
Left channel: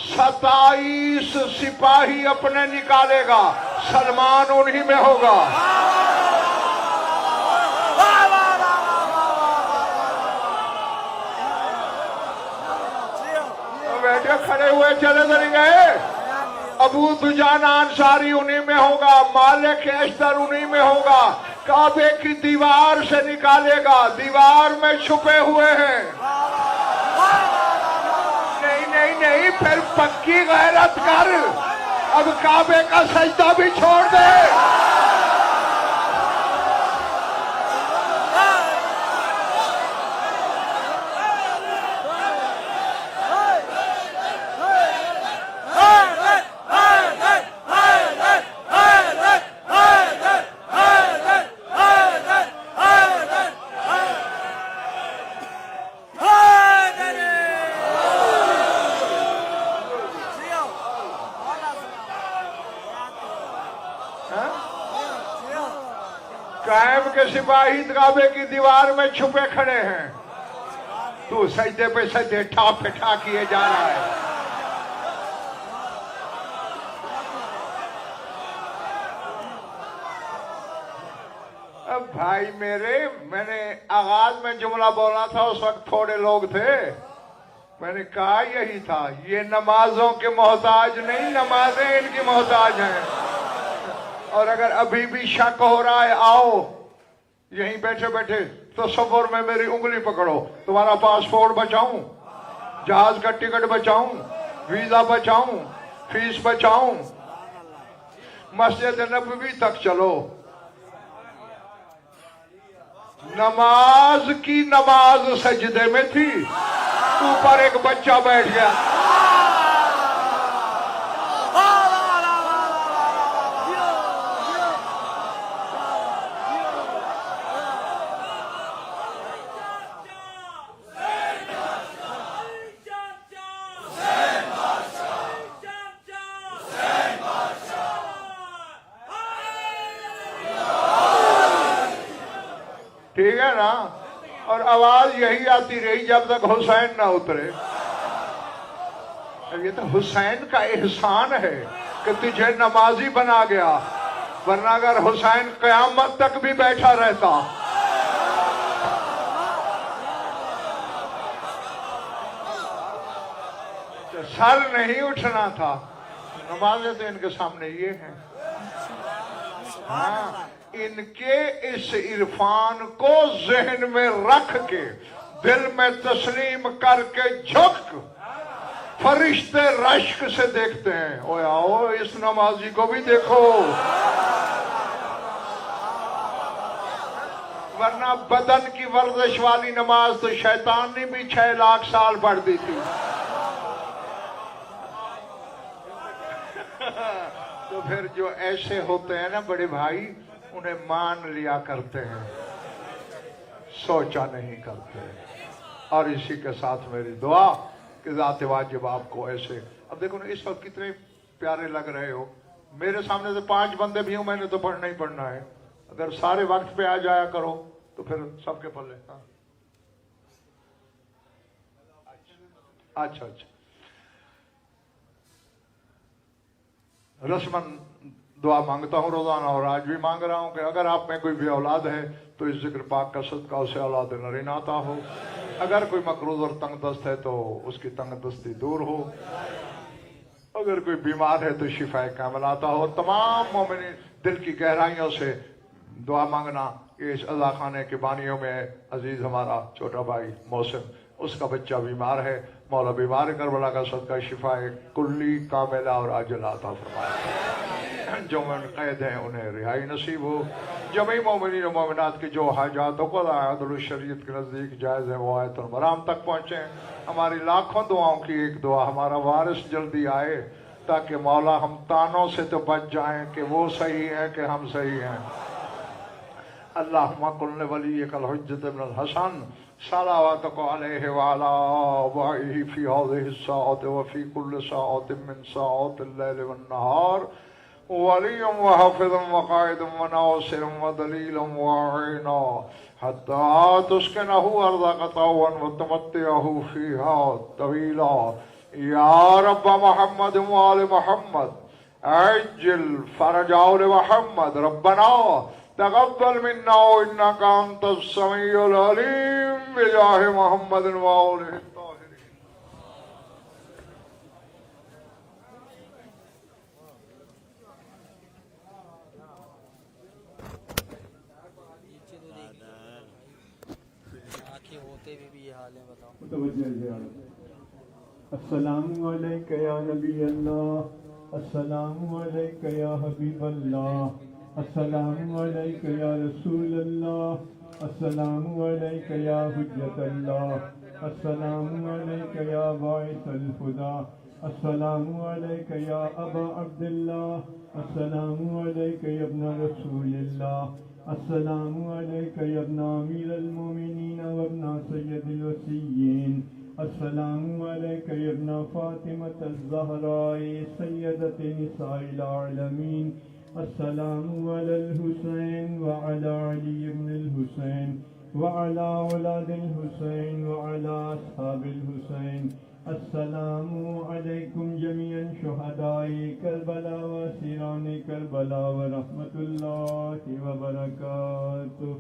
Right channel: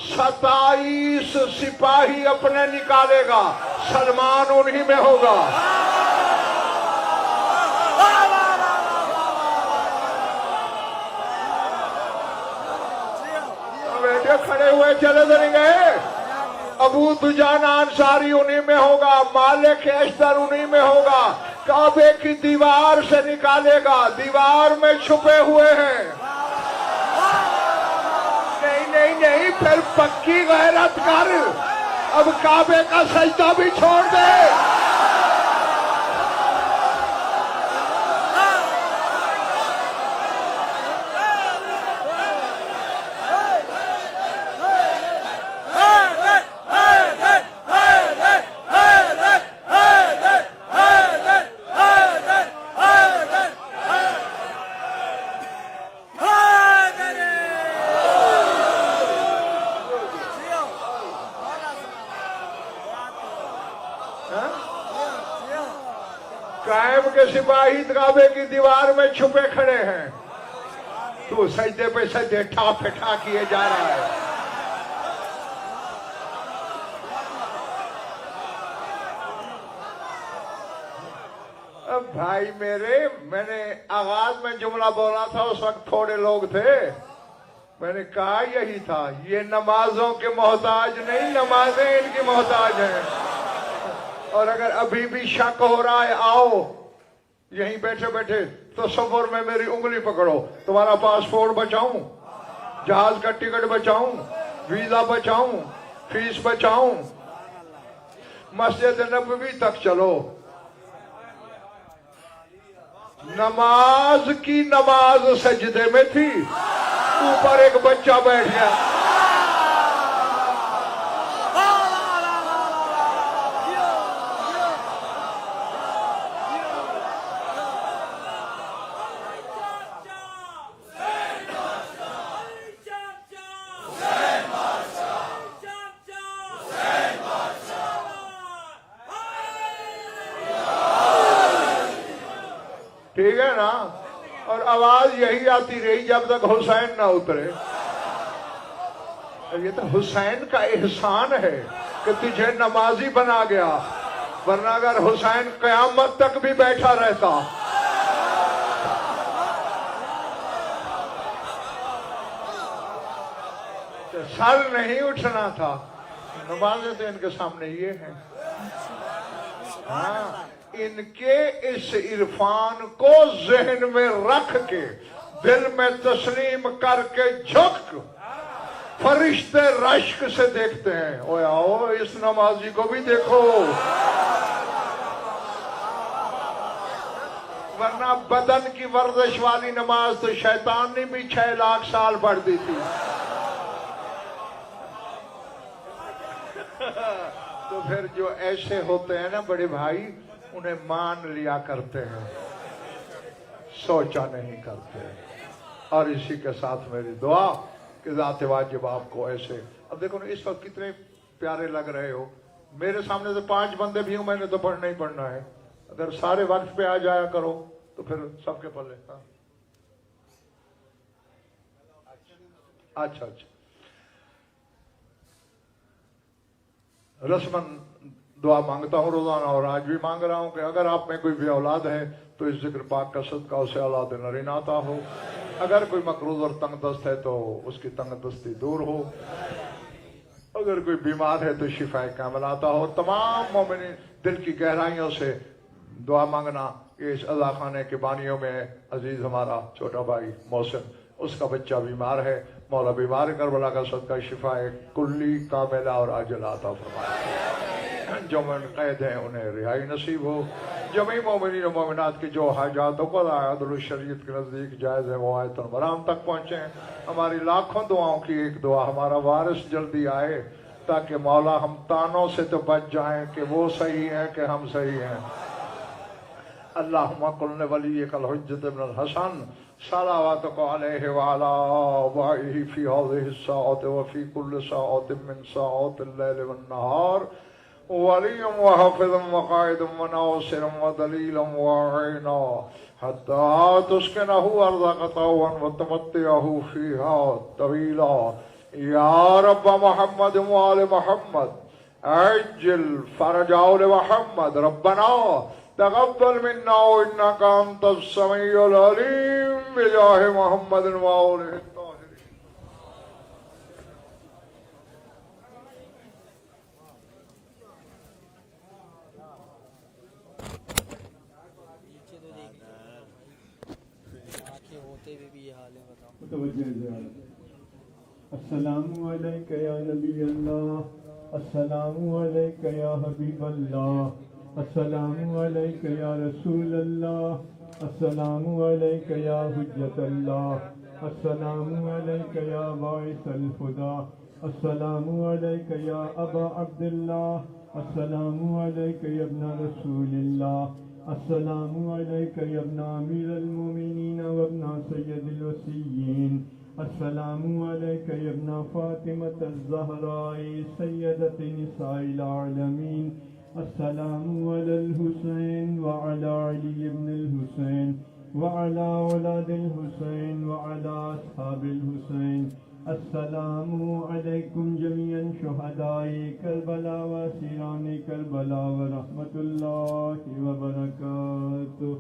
27 سپاہی اپنے نکالے گا، سلمان انہی میں ہوگا. بیٹے کھڑے ہوئے چلے تو نہیں گئے. ابو دجانہ انصاری انہی میں ہوگا، مالک اشتر انہی میں ہوگا. کعبے کی دیوار سے نکالے گا، دیوار میں چھپے ہوئے ہیں. نہیں نہیں نہیں، پھر پکی غیرت کر، اب کعبے کا سجدہ بھی چھوڑ دے. قائم کے سپاہی کعبے کی دیوار میں چھپے کھڑے ہیں، تو سجدے پہ سجدے ٹھا پہ ٹھا کیے جا رہا ہے. اب بھائی میرے، میں نے آغاز میں جملہ بولا تھا، اس وقت تھوڑے لوگ تھے. میں نے کہا یہی تھا، یہ نمازوں کے محتاج نہیں، نمازیں ان کی محتاج ہیں. اور اگر ابھی بھی شک ہو رہا ہے، آؤ یہیں بیٹھے بیٹھے تصور میں میری انگلی پکڑو، تمہارا پاسپورٹ بچاؤں، جہاز کا ticket بچاؤں، visa بچاؤں، face بچاؤں، Masjid Nabawi تک چلو. نماز کی نماز سجدے میں تھی، اوپر ایک بچہ بیٹھ گیا. ٹھیک ہے نا؟ اور آواز یہی آتی رہی جب تک حسین نہ اترے. یہ تو حسین کا احسان ہے کہ تجھے نمازی بنا گیا، ورنہ اگر حسین قیامت تک بھی بیٹھا رہتا. تو سر نہیں اٹھنا تھا. نمازیں تو ان کے سامنے یہ ہیں. ہاں، ان کے اس عرفان کو ذہن میں رکھ کے دل میں تسلیم کر کے جھک، فرشتے رشک سے دیکھتے ہیں. اوے آؤ اس نمازی کو بھی دیکھو. ورنہ بدن کی ورزش والی نماز تو شیطان نے بھی 6 لاکھ سال پڑھ دی تھی. تو پھر جو ایسے ہوتے ہیں نا بڑے بھائی، انہیں مان لیا کرتے ہیں، سوچا نہیں کرتے. اور اسی کے ساتھ میری دعا کہ ذات واجب آپ کو ایسے. اب دیکھو نا اس وقت کتنے پیارے لگ رہے ہو. میرے سامنے تو 5 بندے بھی ہوں، میں نے تو پڑھنا ہی پڑھنا ہے. اگر سارے وقت پہ آ جایا کرو تو پھر سب کے پلے. اچھا رسمن دعا مانگتا ہوں روزانہ اور آج بھی مانگ رہا ہوں کہ اگر آپ میں کوئی بھی اولاد ہے تو اس ذکر پاک کا صدقہ اسے اولاد نرین عطا ہو، اگر کوئی مقروض اور تنگ دست ہے تو اس کی تنگ دستی دور ہو، اگر کوئی بیمار ہے تو شفا کامل عطا ہو۔ تمام مومنین دل کی گہرائیوں سے دعا مانگنا کہ اس عزا خانے کے بانیوں میں عزیز ہمارا چھوٹا بھائی محسن، اس کا بچہ بیمار ہے، مولا بیمار کربلا کا صدقہ شفا کلی کاملہ اور عاجلہ عطا فرمائے۔ جو من قید ہیں انہیں رہائی نصیب ہو۔ جمیع مومنین و مومنات کی جو حاجات و قضاء عدل الشریعت کے نزدیک جائز ہیں وہ آیت المرام تک پہنچیں۔ ہماری لاکھوں دعاؤں کی ایک دعا ہمارا وارث جلدی آئے تاکہ مولا ہم تانوں سے تو بچ جائیں کہ وہ صحیح ہیں کہ ہم صحیح ہیں۔ اللہم قل لولیک الحجۃ ابن الحسن صلواتک علیہ وعلی آبائہ فی ہذہ الساعۃ وفی کل ساعۃ من ساعات اللیل والنہار ولی وحافظ وقائد وناصر ودلیل وعینا حتی تسکنہ ارضک طوعا وتمتعہ فیہا طویلا یا رب محمد وآل محمد عجل فرج آل محمد ربنا تقبل منا انك انت السميع العليم بجاه محمد وآله الطاهرين۔ السلام علیک یا نبی اللہ، السلام علیک یا حبیب اللہ، السلام علیک یا رسول اللہ، السلام علیک یا حجت اللہ، السلام علیک یا باعث الہدی، السلام علیک یا ابا عبداللہ، السلام علیک یا ابن رسول اللہ، السلام علیک یا ابن امیر المومنین و ابن سید الوصیین، السلام علیک یا ابن فاطمۃ الزہراء سیدۃ نساء العالمین، السلام علی الحسین وعلی علی ابن الحسین وعلی اولاد الحسین وعلی اصحاب الحسین، السلام علیکم جمیعا شہداء کربلا و اسیران کربلا ورحمۃ اللہ وبرکاتہ۔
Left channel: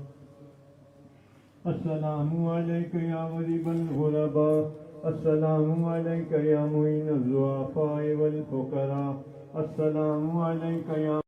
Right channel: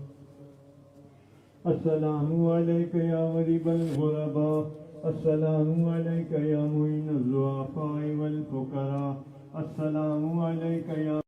السلام علیک یا غریب الغرباء، السلام علیک یا معین الضعفاء والفقراء، السلام علیک یا